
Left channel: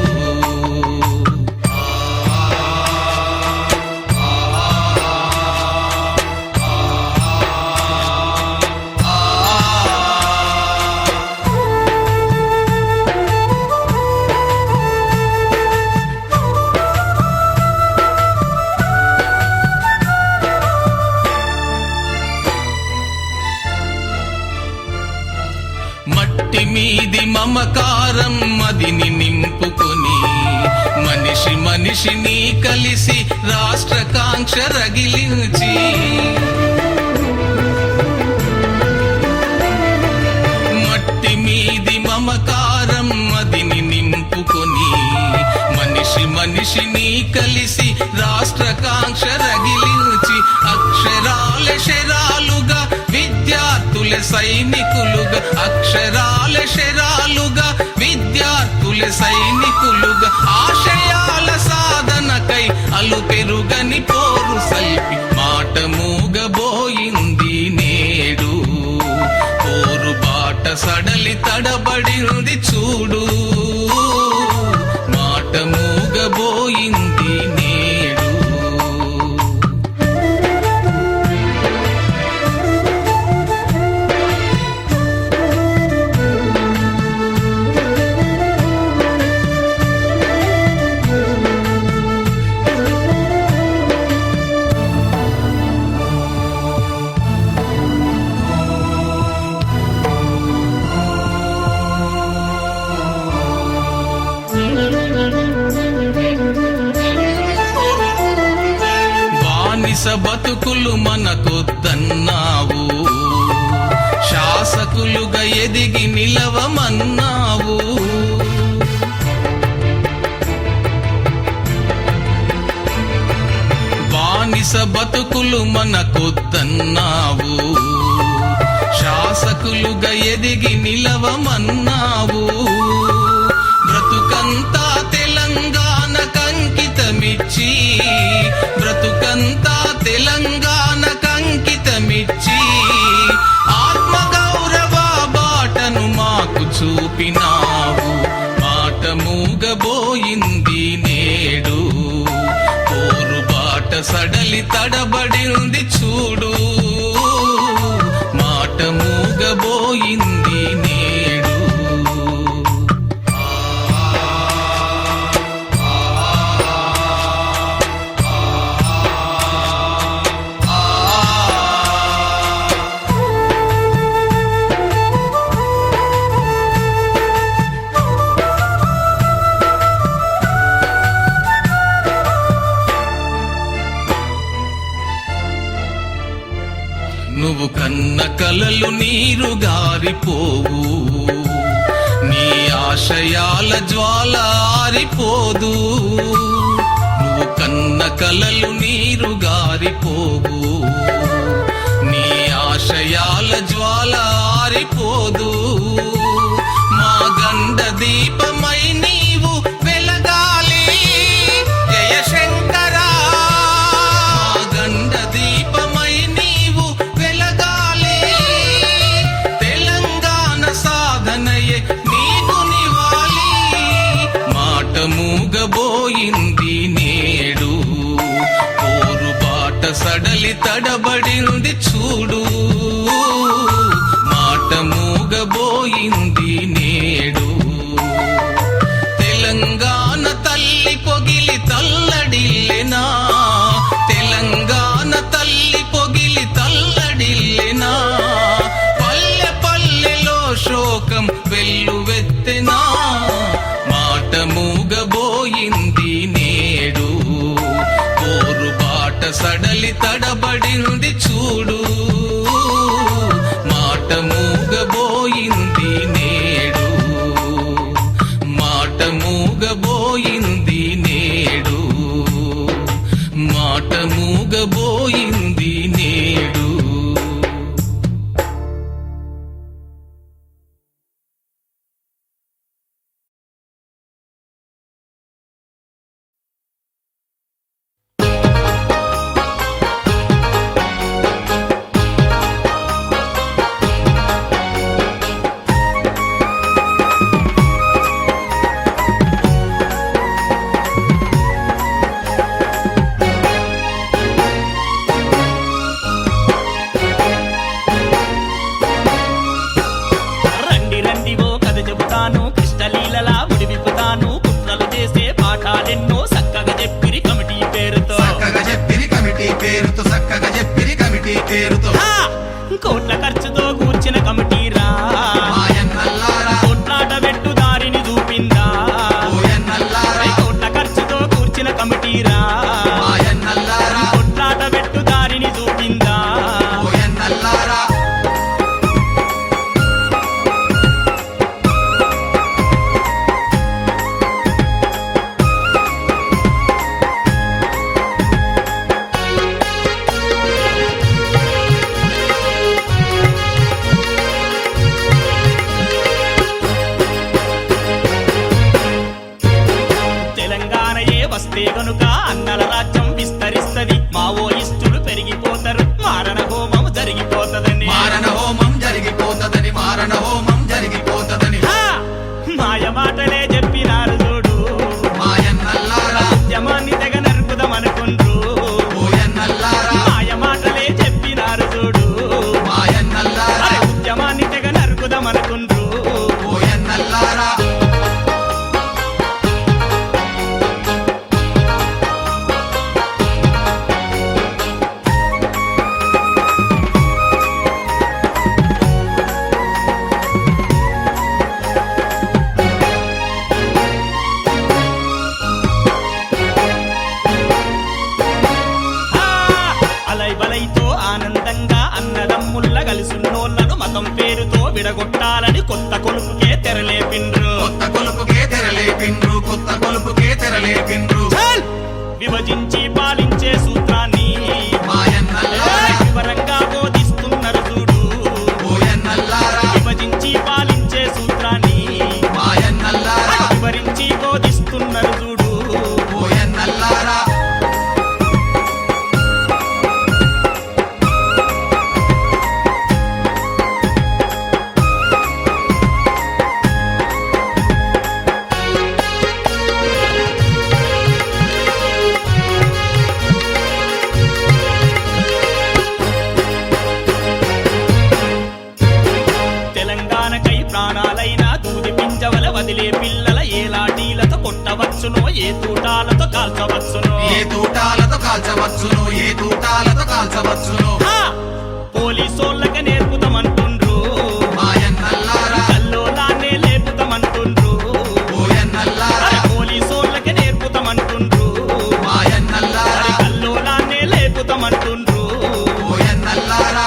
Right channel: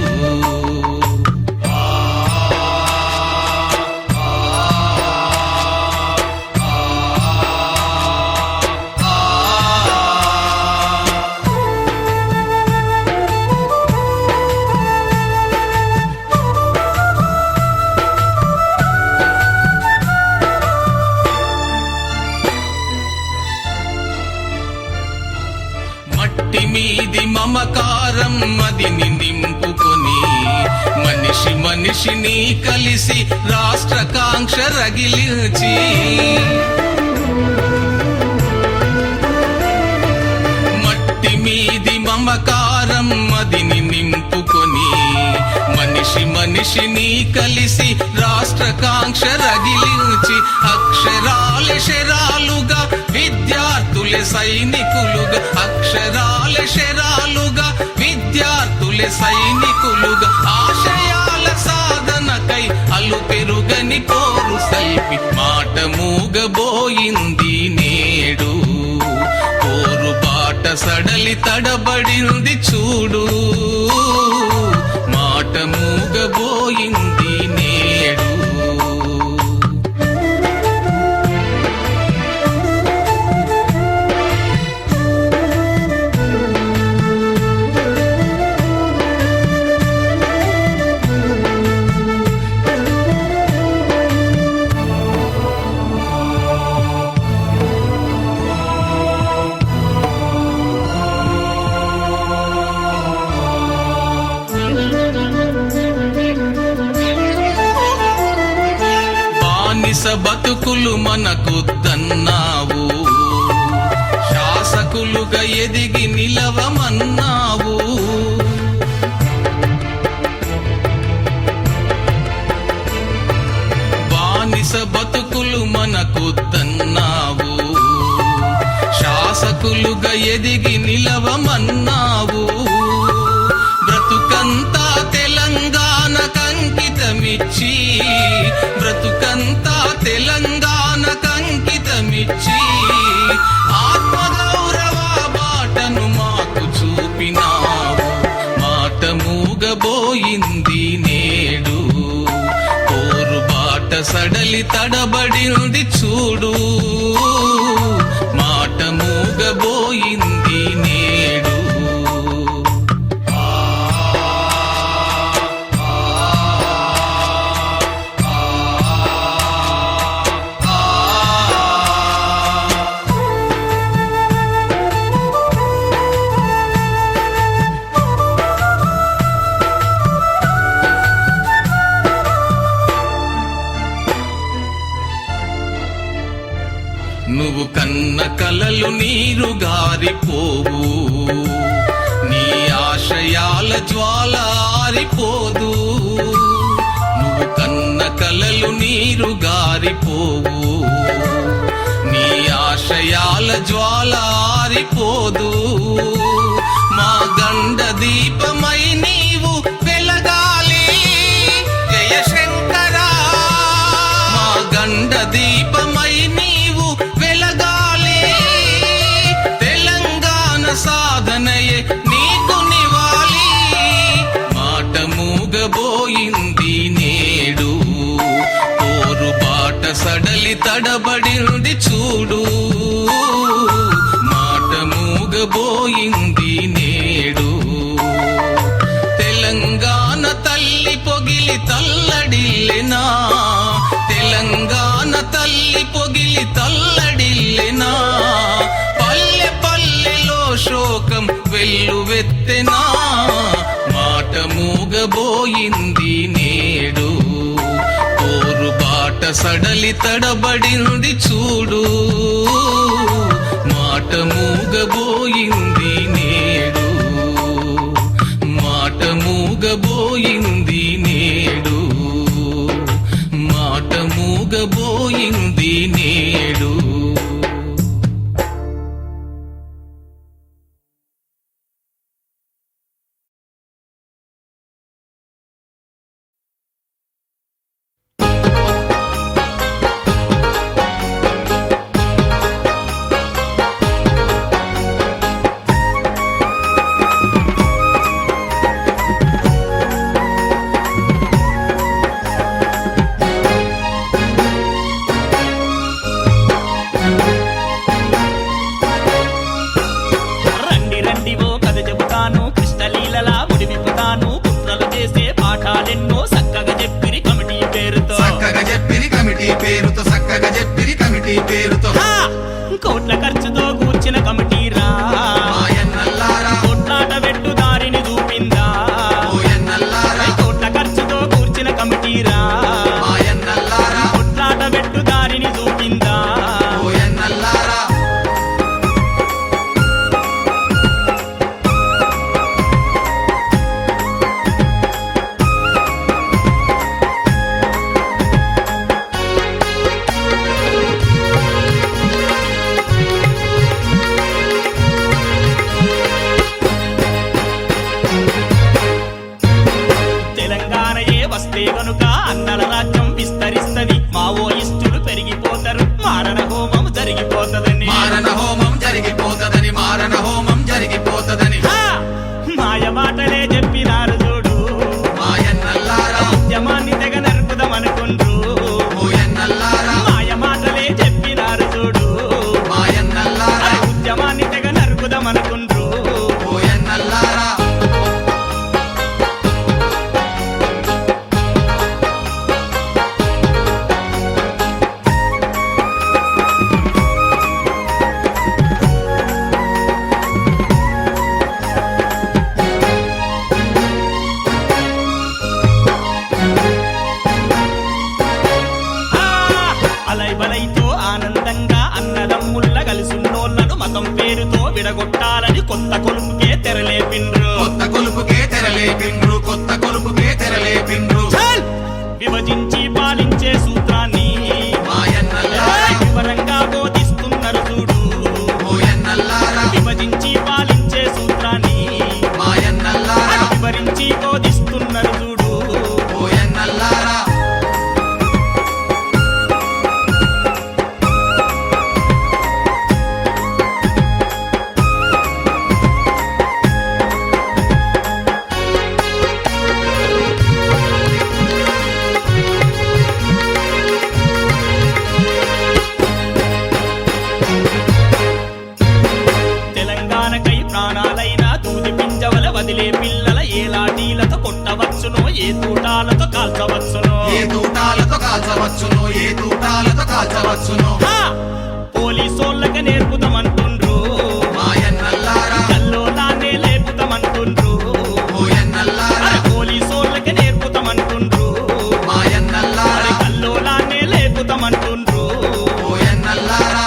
మట్టి మీది మమకారం మదిని నింపుకొని, మనిషి మనిషిని కలిసి రాష్ట్ర కాంక్ష రగిలించి. మట్టి మీది మమకారం మదిని నింపుకొని, మనిషి మనిషిని కలిసి రాష్ట్ర కాంక్ష రగిలించి. అక్షరాల శరాలుగా విద్యార్థుల సైనికులుగా, అక్షరాల శరాలుగా విద్యార్థుల సైనికులుగా. ఆశయాల సాధనకై అలు పెరుగని పోరు సల్పి. మాట మూగబోయింది నేడు, పోరు బాట సడలి తడబడింది చూడు. మాట మూగబోయింది నేడు. బానిస బతుకులు మనకొద్దన్నావు, శాసకులుగా ఎదిగి నిలవమన్నావు. బ్రతుకంతా తెలంగాణ కంకితమిచ్చి, బ్రతుకంతా తెలంగాణ కంకితమిచ్చి, ఆత్మగౌరవ బాటను మాకు చూపినావు. మాట మూగబోయింది నేడు, పోరు బాట సడలి తడబడింది చూడు. మాట మూగబోయింది నేడు. నువ్వు కన్న కలలు నీరు గారిపోవు, నీ ఆశయాల జ్వాల ఆరిపోదు. నువ్వు కన్న కలలు నీరు గారిపోవు, నీ ఆశయాల జ్వాల ఆరిపోదు. మా గండ దీపమై నీవు వెలగాలి జయశంకరా. గండ దీపమై నీవు వెలగాలి, తెలంగాణ సాధనయే నీకు నివాలి. మాట మూగబోయింది నేడు, పోరు బాట సడలి తడబడింది చూడు. మాట మూగబోయింది నేడు. తెలంగాణ తల్లి పొగిలి తల్లడిల్లెనా, తెలంగాణ తల్లి పొగిలి తల్లడిల్లెనా. పల్లె పల్లెలో శోకం వెల్లువెత్తెనా. మాట మూగబోయింది నేడు, పోరు బాట సడలి తడబడింది చూడు. మాట మూగబోయింది నేడు, మాట మూగబోయింది నేడు, మాట మూగబోయింది నేడు. రండి రండి ఓ కథ చెబుతాను, కృష్ణలీలలా ముడివిపుతాను. కుట్రలు చేసే పాఠాలెన్నో చక్కగా చెప్పిరి కమిటీ పేరుతో. చక్కగా చెప్పిరి కమిటీ పేరుతో, చక్కగా చెప్పిరి కమిటీ పేరుతో. హా! కోట్ల ఖర్చుతో కూర్చిన కమిటీరా, మాయన్నల్లారా, కొట్లాట పెట్టు దారిని చూపిందా. ఓయన్నల్లారా, కోట్ల ఖర్చుతో కూర్చిన కమిటీరా, మాయన్నల్లారా, కొట్లాట పెట్టు దారిని చూపిందా. ఓయన్నల్లారా. తెలంగాణయే వస్తే గనుక అన్నల రాజ్యం విస్తరిస్తది. మావోయిస్టులు పెరిగిపోతారు, మారణ హోమం జరిగిపోతదని. మారణ హోమం జరిగిపోతదని, మారణ హోమం జరిగిపోతదని. హా! మాయ మాటలే చెప్పినారు చూడు, మాయన్నల్లారా, ఉద్యమాన్ని తెగ నరుకుదామనుకుండ్రు. ఓయన్నల్లారా, మాయ మాటలే చెప్పినారు చూడు, మాయన్నల్లారా, అరే ఉద్యమాన్ని తెగ నరుకుదామనుకుండ్రు. ఓయన్నల్లారా. అలై బలైతో ఆనందంగా అన్నదమ్ముల్ల కలిసున్నోళ్లను మతం పేరుతో విడగొట్టాలని కొత్త కొలుపుకే తెరలేపిండ్రు. కొత్త కొలుపుకే తెరలేపిండ్రు, కొత్త కొలుపుకే తెరలేపిండ్రు. చల్! విభజించి పాలించే సూత్రాన్ని వచ్చి బోధిస్తున్నారు చూడు. ఓయన్నల్లారా తెలంగాణకై ప్రాణాలైనా దూది పింజవల వదిలే పిల్లల ఏ లాఠీలతో కొట్టవచ్చునో, ఏ తూటాలతో కాల్చవచ్చునో, ఏ తూటాలతో కాల్చవచ్చును, ఏ తూటాలతో కాల్చవచ్చును. హా! పోలీసోళ్ళకి నేర్పుతామంటుండ్రు, మాయన్నల్లారా కల్లోలాన్నే లేపుతామంటుండ్రు. ఓయన్నల్లారా అరే పోలీసోళ్ళకి నేర్పుతామంటుండ్రు, మాయన్నల్లారా అరే కల్లోలాన్నే లేపుతామంటుండ్రు. ఓయన్నల్లారా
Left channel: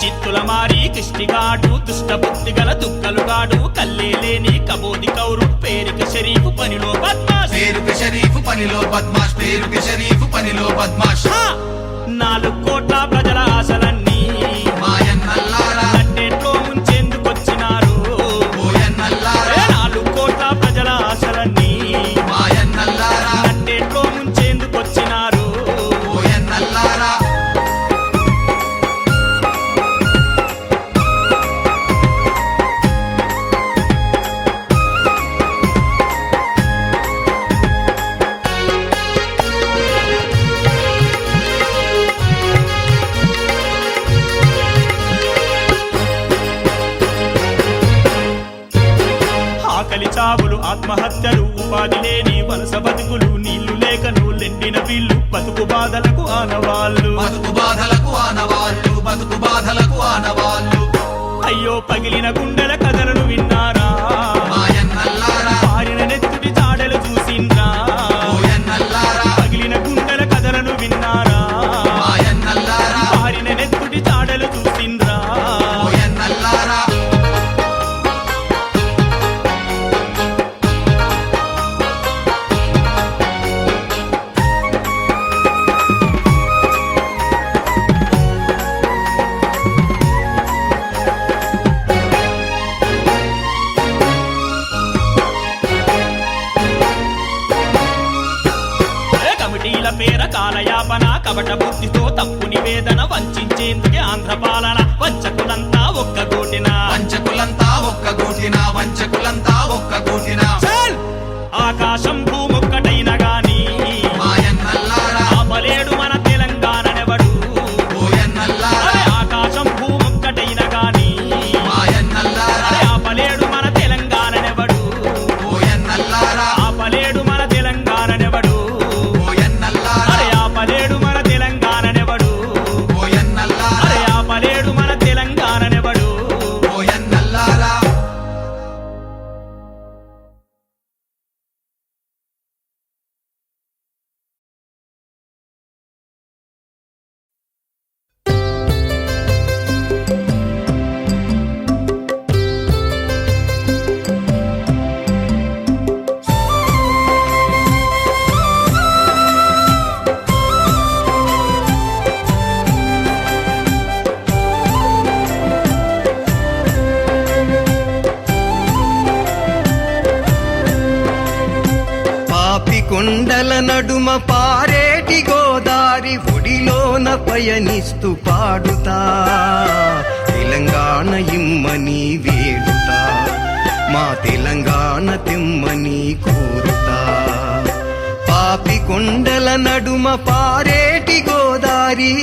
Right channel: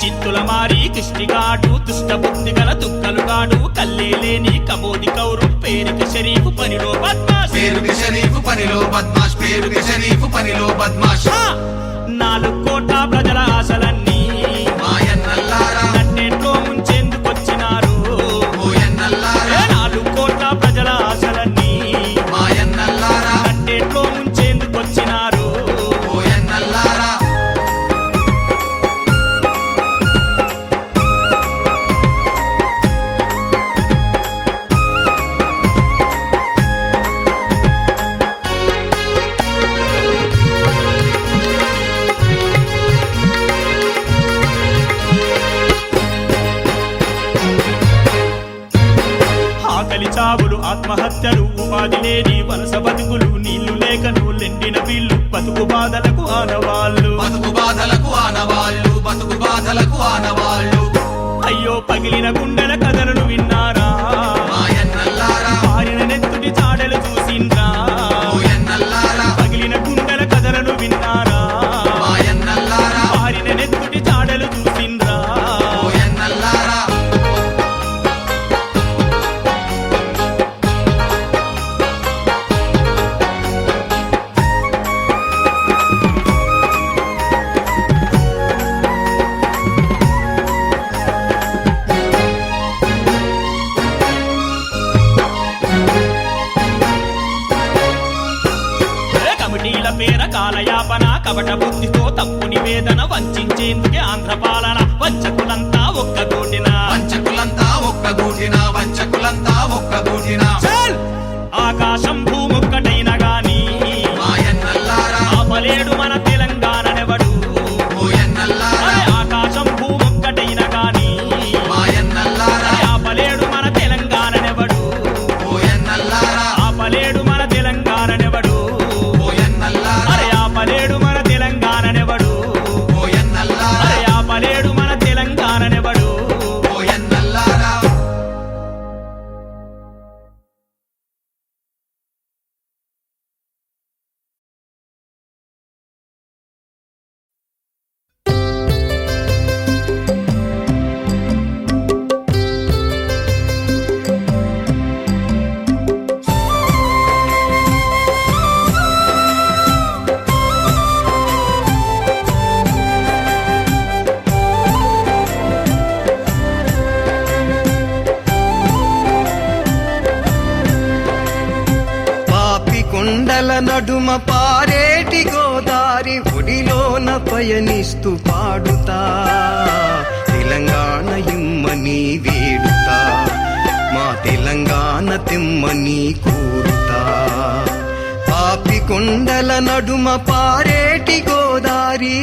జిత్తుల మారి కిష్టిగాడు, దుష్ట బుద్ధి గల దుగ్గలుగాడు, కల్లేలేని కబోది కౌరు, పేరుకి షరీఫ్ పనిలో బద్మాష్. పేరుకి షరీఫ్ పనిలో బద్మాష్, పేరుకి షరీఫ్ పనిలో బద్మాష్. హా! 4 కోట్ల ప్రజల ఆశలన్నీ మాయన్నల్లారా నట్టేట్లో ముంచేందుకొచ్చినారు. ఓయన్నల్లారా 4 కోట్ల ప్రజల ఆశలన్నీ మాయన్నల్లారా నట్టేట్లో ముంచేందుకొచ్చినారు. ఓయన్నల్లారా ఆకలి చావులు, ఆత్మహత్యలు, ఉపాధి లేని వలస బతుకులు, నీళ్లు లేకను లెండిన వీళ్ళు, బతుకు బాధలకు ఆనవాళ్ళు. బతుకు బాధలకు ఆనవాళ్ళు, బతుకు బాధలకు ఆనవాళ్ళు. అయ్యో పగిలిన గుండెల కథలను విన్నారా, మాయన్నల్లారా పారిన నెత్తుటి చాడలు చూసిండ్రా. ఓయన్నల్లారా పగిలిన గుండెల కథలను విన్నారా, మాయన్నల్లారా పారిన నెత్తుటి చాడలు చూసిండ్రా. ఓయన్నల్లారా కమిటీల పేర కాలయాపన, కపట బుద్ధితో తప్పు నివేదన, వంచేందుకే ఆంధ్ర పాలన, వంచకులంతా ఒక్కగూటిన. వంచకులంతా ఒక్కగూటిన, వంచకులంతా ఒక్కగూటిన. చల్! ఆకాశం భూమొక్కటైన గాని మాయన్నల్లారా ఆపలేడు మన తెలంగాణనెవడు. ఓయన్నల్లారా అరే ఆకాశం భూమొక్కటైన గాని మాయన్నల్లారా అరే ఆపలేడు మన తెలంగాణనెవడు. ఓయన్నల్లారా ఆపలేడు మన తెలంగాణనెవడు. ఓయన్నల్లారా అరే ఆపలేడు మన తెలంగాణనెవడు. ఓయన్నల్లారా అరే ఆపలేడు మన తెలంగాణనెవడు. ఓయన్నల్లారా కొండల నడుమ పారేటి గోదారి ఒడిలోన పయనిస్తూ పాడుతా తెలంగాణ ఇమ్మని వేడుతా మా తెలంగాణ తెమ్మని కోరుతా. పాపి కొండల నడుమ పారేటి గోదారి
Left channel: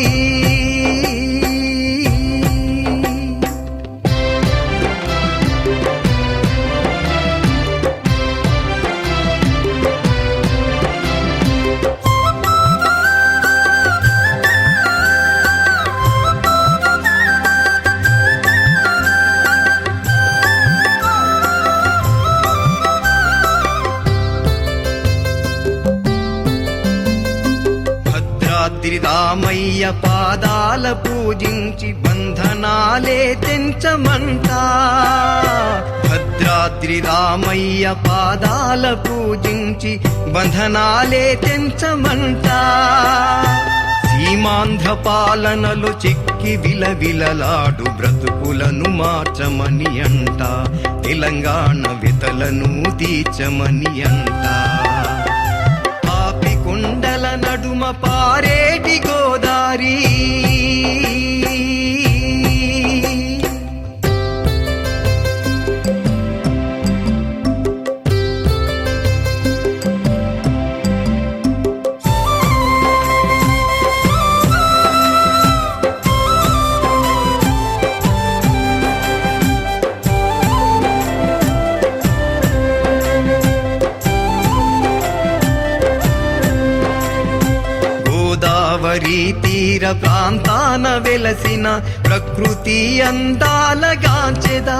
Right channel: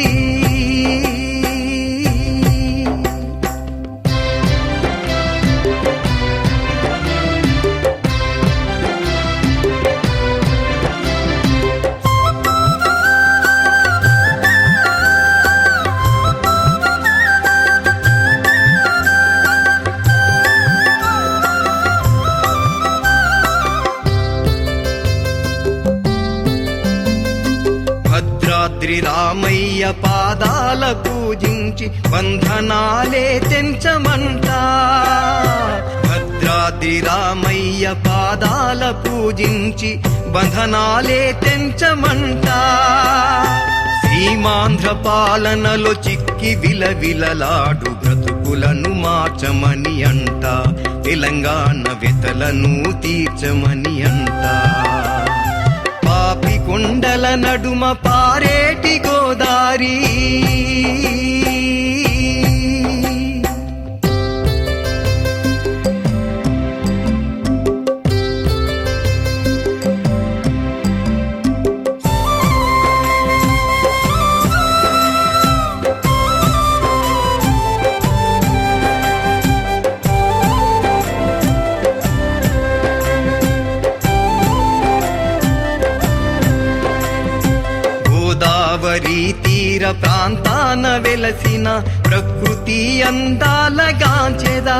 రామయ్య పాదాల పూజించి బంధనాలే తెంచమంట భద్రాద్రి రామయ్య పాదాల పూజించి బంధనాలే తెంచమంట సీమాంధ్ర పాలనలో చిక్కి విలవిలలాడు బ్రతుకులను మార్చమని అంట తెలంగాణ వితలను తీర్చమని అంట పాపి కొండల నడుమ పారేటి గోదారి గోదావరి తీర ప్రాంతాన వెలసిన ప్రకృతి అందాలగాంచెదా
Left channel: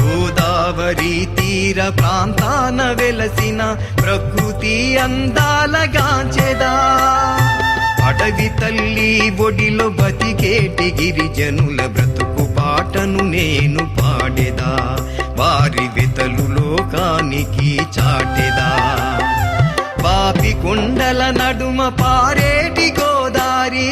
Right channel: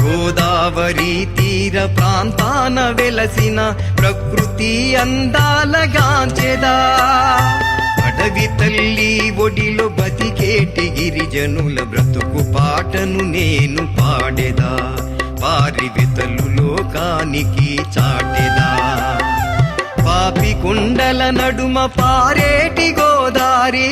గోదావరి తీర ప్రాంతాన వెలసిన ప్రకృతి అందాలగాంచెదా అడవి తల్లి ఒడిలో బతికేటి గిరిజనుల బ్రతుకు పాటను నేను పాడేదా వారి వితలు లోకానికి చాటెదా పాపి కొండల నడుమ పారేటి గోదారి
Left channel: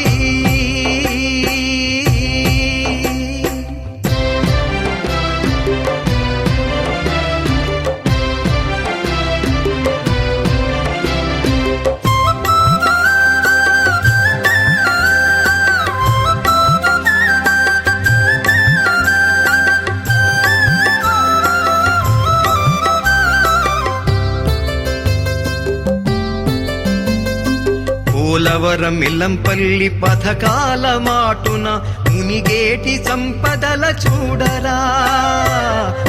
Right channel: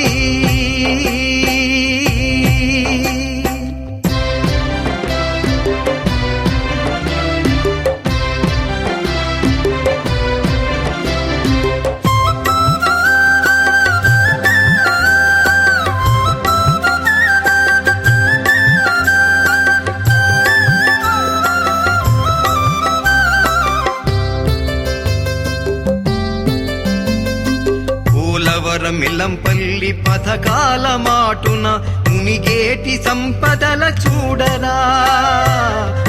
పోలవరం ఇల్లంపల్లి పథకాల మాటున మునిగేటి సంపదల చూడరా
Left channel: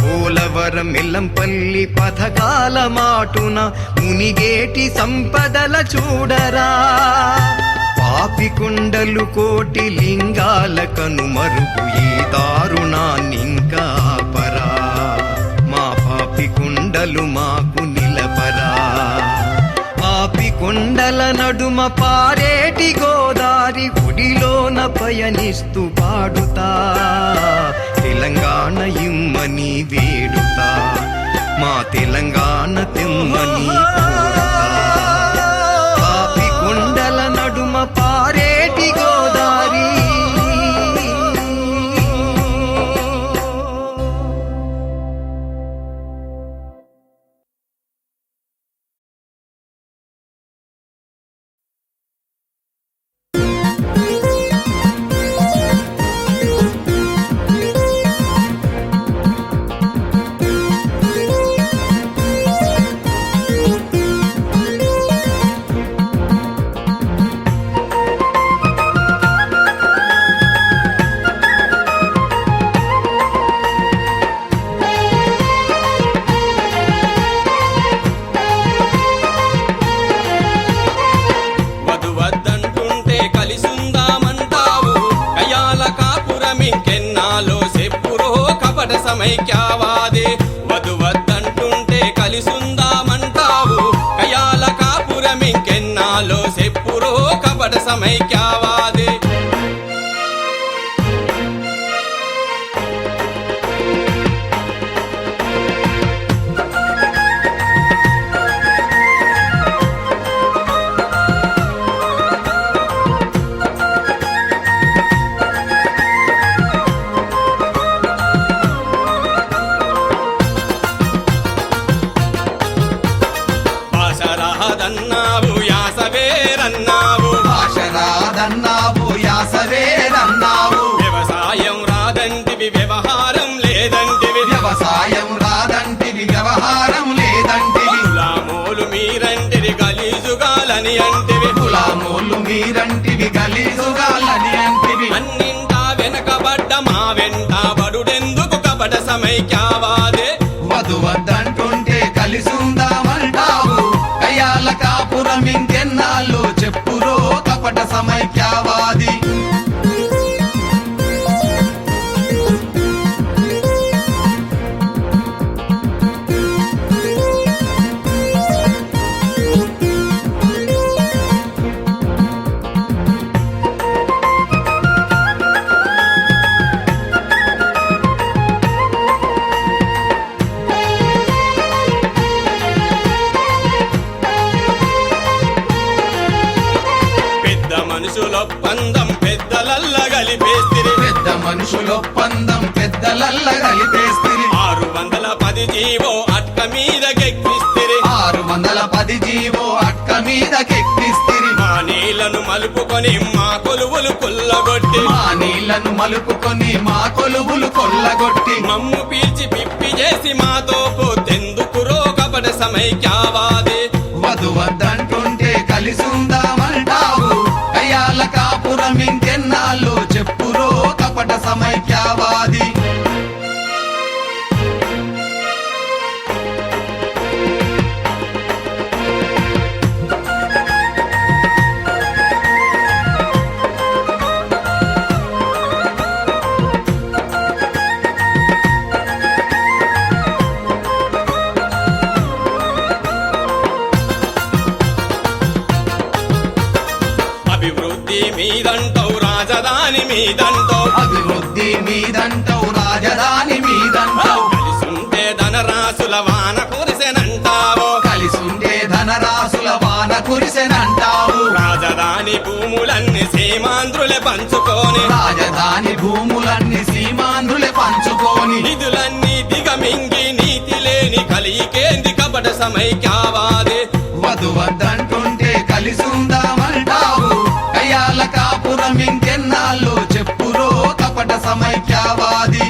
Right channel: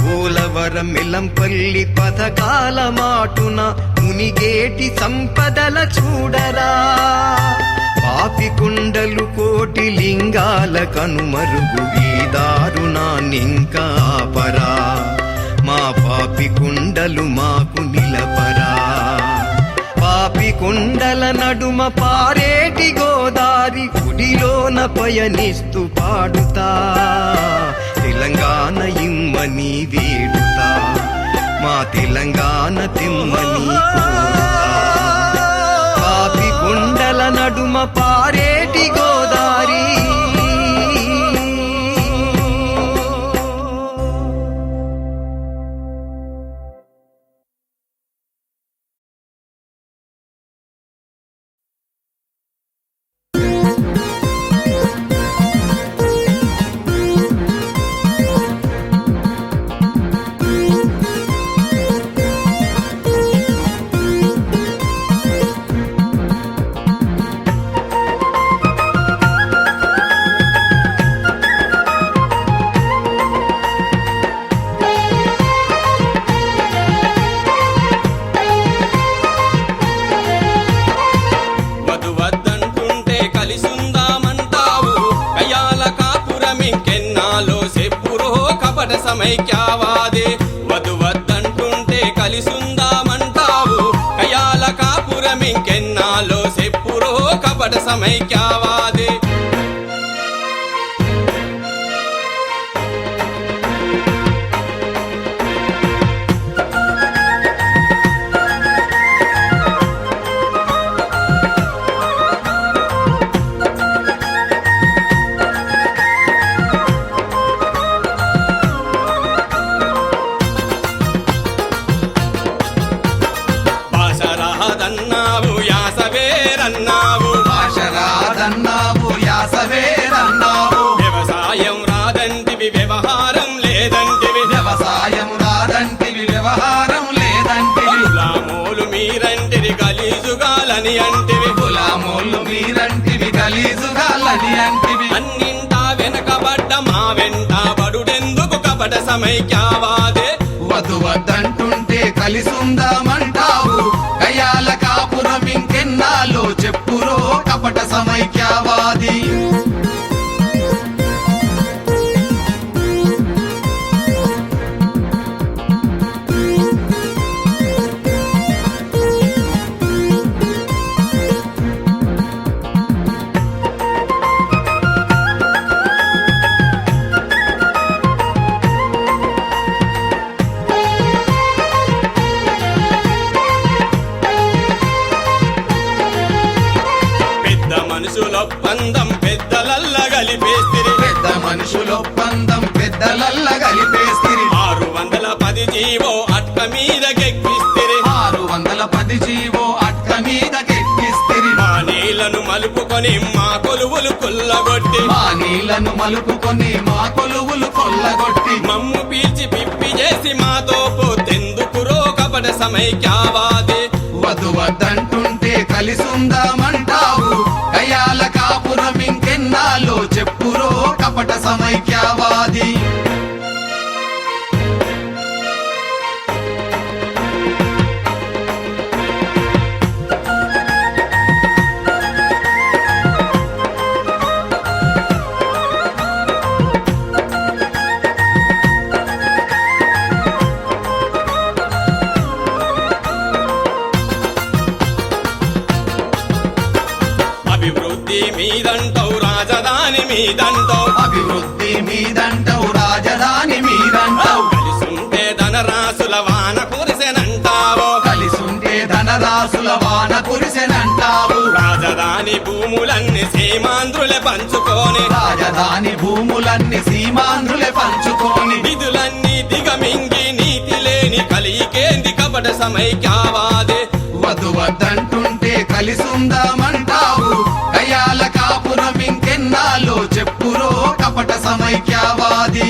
పోలవరం ఇల్లంపల్లి పథకాల మాటున మునిగేటి సంపదల చూడరా పాపి కుండలు కోటి లింగాల కనుమరుగు ఈ దారుణాన్నింకా ఆపరా మా పాపి కుండలు మాకు నిలపరా పాపి కొండల నడుమ పారేటి గోదారి గుడిలోన పయనిస్తూ పాడుతా తెలంగాణ ఇమ్మని వేడుతా మా తెలంగాణ తెమ్మని పాపి కొండల నడుమ పారేటి గోదారి కలిసుందామంటావు కయాల కాపురమింకెన్నాలో సెప్పురో కపట సమైక్యావాదే వధు వద్దంటుంటే కలిసుందామంటావు కయాల కాపురమింకెన్నాలో సెప్పురో కపట సమైక్యావాదే భాషరాదన్నావు యాసవేరన్నావు భాషరాదన్నావు యాసవేరన్నావు వ్యవసాయం రాదంటివి వ్యవహారం లేదంటివి వ్యవసాయం రాదంటివి వ్యవహారం లేదంటివి గులామోలు మీరంటివి గలీజుగాలని అంటివి గులామోళ్ళు మీరంటివి గలీజుగాలని అంటివి అన్నింటా వెనకబడ్డ మా వెంట బడుడెందుకు కపట సమైక్యావాదే వధు వద్దంటుంటే కలిసుందామంటావు కయాల కాపురం ఇంకెన్నాలో చెప్పురో కపట సమైక్యవాది మనుషులొప్పందం పెద్దలల్ల కలిపేస్తిరి పెద్ద మనుషులొప్పందం పెద్దలల్ల కలిపేస్తిరి 610 జీవో అట్క మీదకెక్కిస్తిరి 610 జీవో అట్క మీదకెక్కిస్తిరి మా నీళ్లను మలుపుకొని మా కొలువులు కొల్లగొట్టి మా నీళ్లను మలుపుకొని మా కొలువులు కొల్లగొట్టి మమ్ము పీల్చి పిప్పి చేసి మాతో పోతెందుకురో కపట సమైక్యావాది వధు వద్దంటుంటే కలిసుందామంటావు కయాల కాపురం ఇంకెన్నాలో చెప్పురో కపట సమైక్యవాది అభివృద్ధి మీదంటావు రాజధాని మీదంటావు అభివృద్ధి మీదంటావు రాజధాని మీదంటావు కలిసుంటే ధనరాశుల వాన కురిసెనంటావు కలిసుంటే ధనరాశుల వాన కురిసెనంటావు రాజధాని భూములన్నీ సీమాంధ్రులే పంచుకొని రాజధాని భూములన్నీ సీమాంధ్రులే పంచుకొని నిధులన్నీ దిగమింగి నీతి లేని కలికేంది కపట సమైక్యావాది వధు వద్దంటుంటే కలిసుందామంటావు కయాల కాపురం ఇంకెన్నాలో చెప్పురో కపట సమైక్యవాది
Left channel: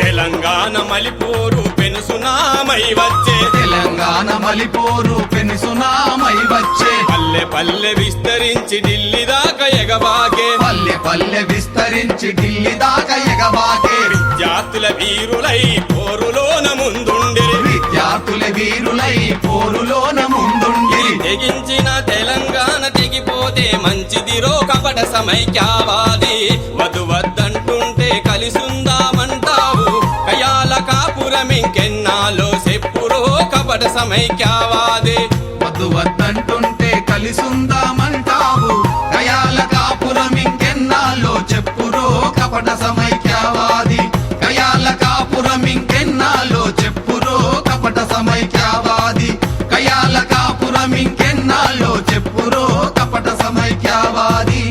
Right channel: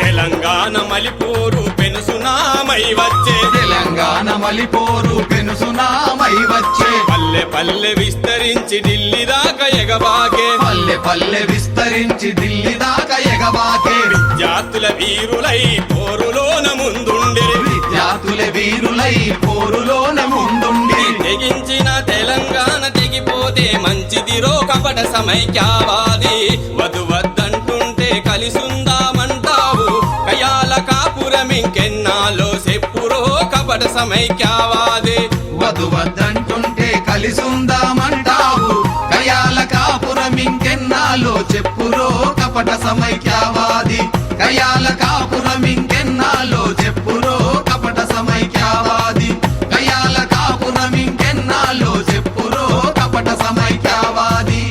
తెలంగాణ మలిపూరు పెనుసునామై వచ్చే తెలంగాణ మలిపోరు పెనుసునామై వచ్చే పల్లె పల్లె విస్తరించి ఢిల్లీ దాకా ఎగబాకే పల్లె పల్లె విస్తరించి ఢిల్లీ దాకా ఎగబాకే విద్యార్థుల వీరులై పోరులోన ముందుండిరి విద్యార్థుల వీరులై పోరులోన ముందుండి తెగించిన తెలంగాణ తెగిపోతే మంచిదిరో కపట సమైక్యావాది వధు వద్దంటుంటే కలిసుందామంటావు కయాల కాపురం ఇంకెన్నాలో చెప్పురో కపట సమైక్యావాది వధు వద్దంటుంటే కలిసుందామంటావు కయాల కాపురం ఇంకెన్నాలో చెప్పురో కపట సమైక్యవాది కయాల కాపురం ఇంకెన్నాలో చెప్పురో కపట సమైక్యవాది కయాల కాపురం ఇంకెన్నాలో చెప్పురో కపట సమైక్యవాది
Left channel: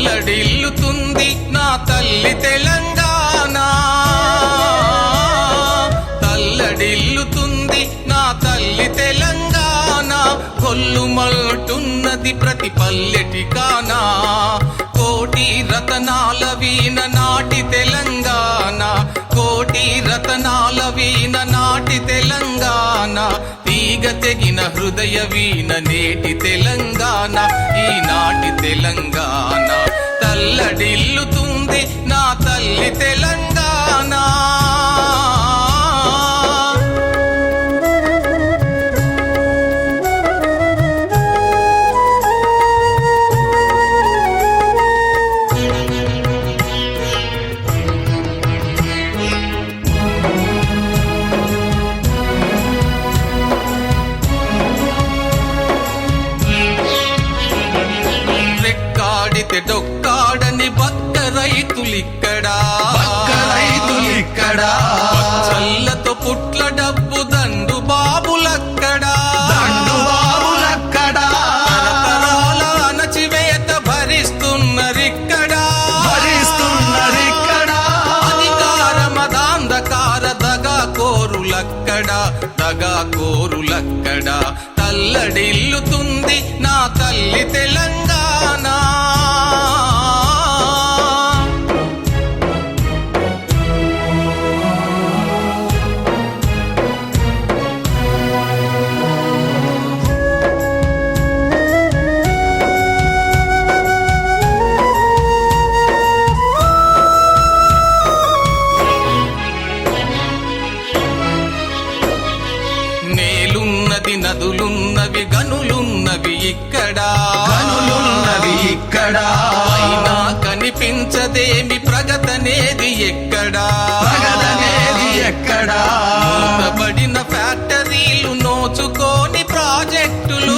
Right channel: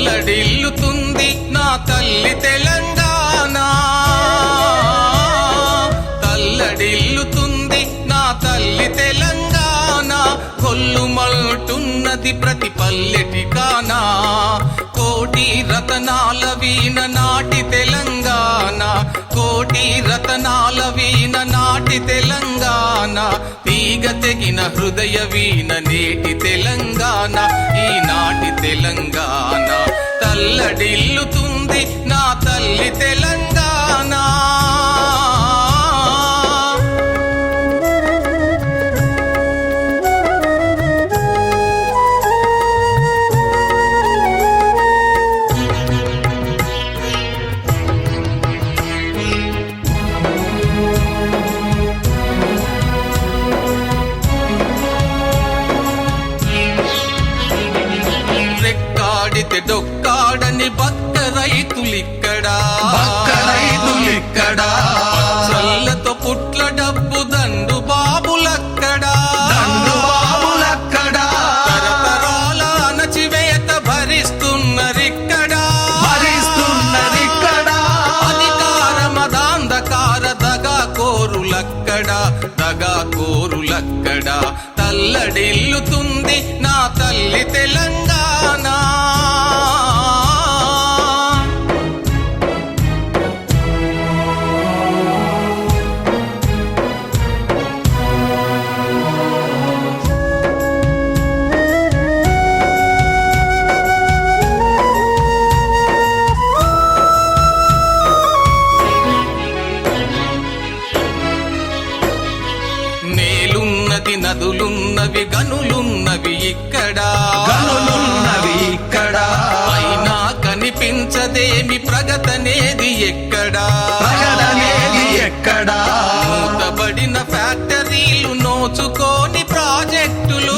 తల్లడిల్లుతుంది నా తల్లి తెలంగాణ తల్లడిల్లుతుంది నా తల్లి తెలంగాణ కొల్లుమల్టున్నది ప్రతి పల్లెటికానా కోటి రతనాల వీణ నాటి తెలంగాణ కోటి రతనాల వీణ నాటి తెలంగాణ తీగ తెగిన హృదయ వీణ నేటి తెలంగాణ ఈనాటి తెలంగాణ తల్లడిల్లుతుంది నా తల్లి తెలంగాణ రెక్కాడితే డొక్కాడని బక్క రైతులిక్కడా పచ్చళ్ళతో పుట్ల డబ్బు దండు బాబులక్కడా తరతరాల అణచివేత భరిస్తున్నరిక్కడా అధికార మదాంధకార దగా కోరులక్కడా తల్లడిల్లుతుంది నా తల్లి తెలంగాణ నదులున్నవి గనులున్నవి ఇక్కడ అయినా కనిపించదేమి ప్రగతనేది ఎక్కడా మూతబడిన ఫ్యాక్టరీలు నోచుకోని ప్రాజెక్టులు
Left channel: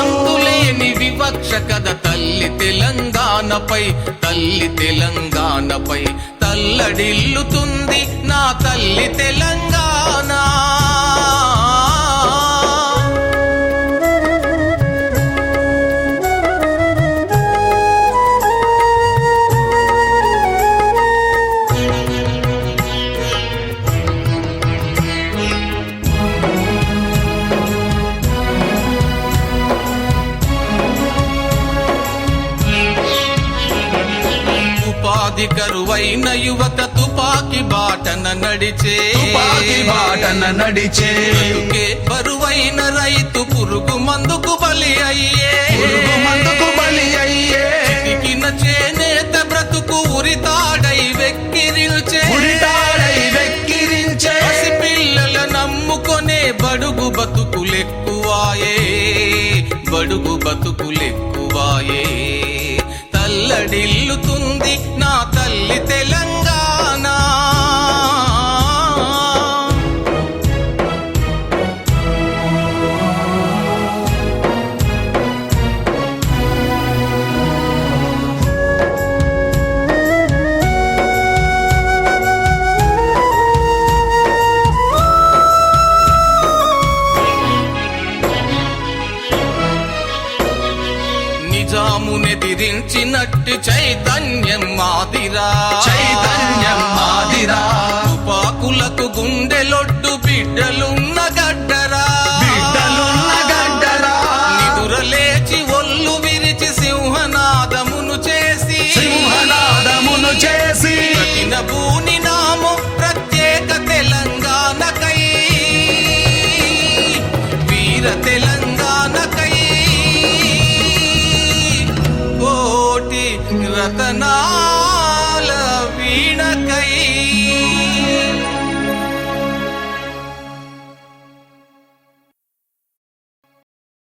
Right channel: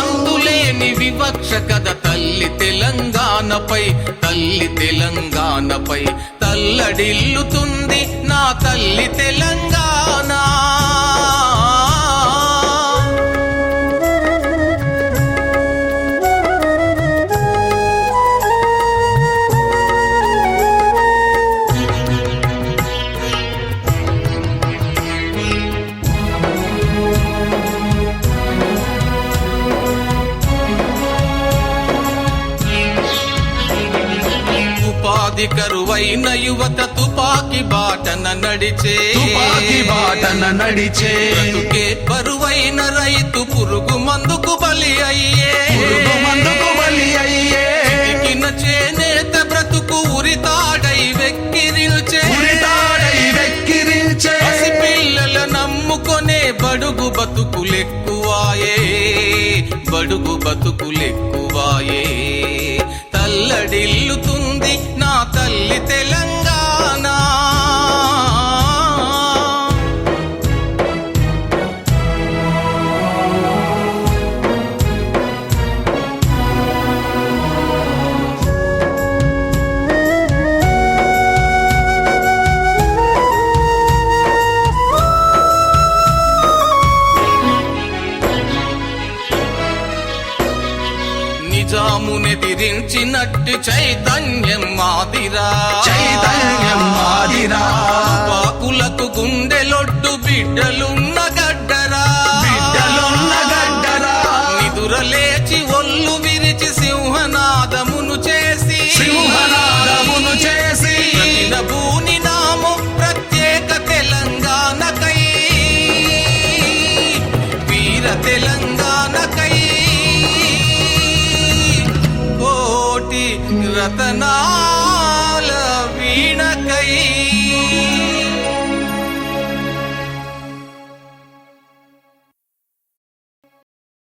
అంతులేని వివక్ష కథ తల్లి తెలంగాణపై తల్లడిల్లుతుంది నా తల్లి తెలంగాణ ఉపాధి కరువైన యువత తుపాకి బాటన నడిచే బ్రతుకే బరువైన రైతు పురుగు మందుకు బలి అయ్యే చితికిన చేనేత బ్రతుకు ఉరితాడై వెక్కిరిల్చే పసిపిల్లల నమ్ముకొనే బడుగు బతుకులెక్కువాయే తల్లడిల్లుతుంది నా తల్లి తెలంగాణ నిజామునెదిరించినట్టు చైతన్యం మాదిరా తుపాకులకు గుండెలొడ్డు బిడ్డలున్న గడ్డరా నిదురలేచి ఒళ్ళు విరిచి సింహనాదమును చేసి ప్రతినభూని నాము ప్రత్యేక తెలంగాణకై వీర తెలంగాణకై కోటి రతనాల వీణకై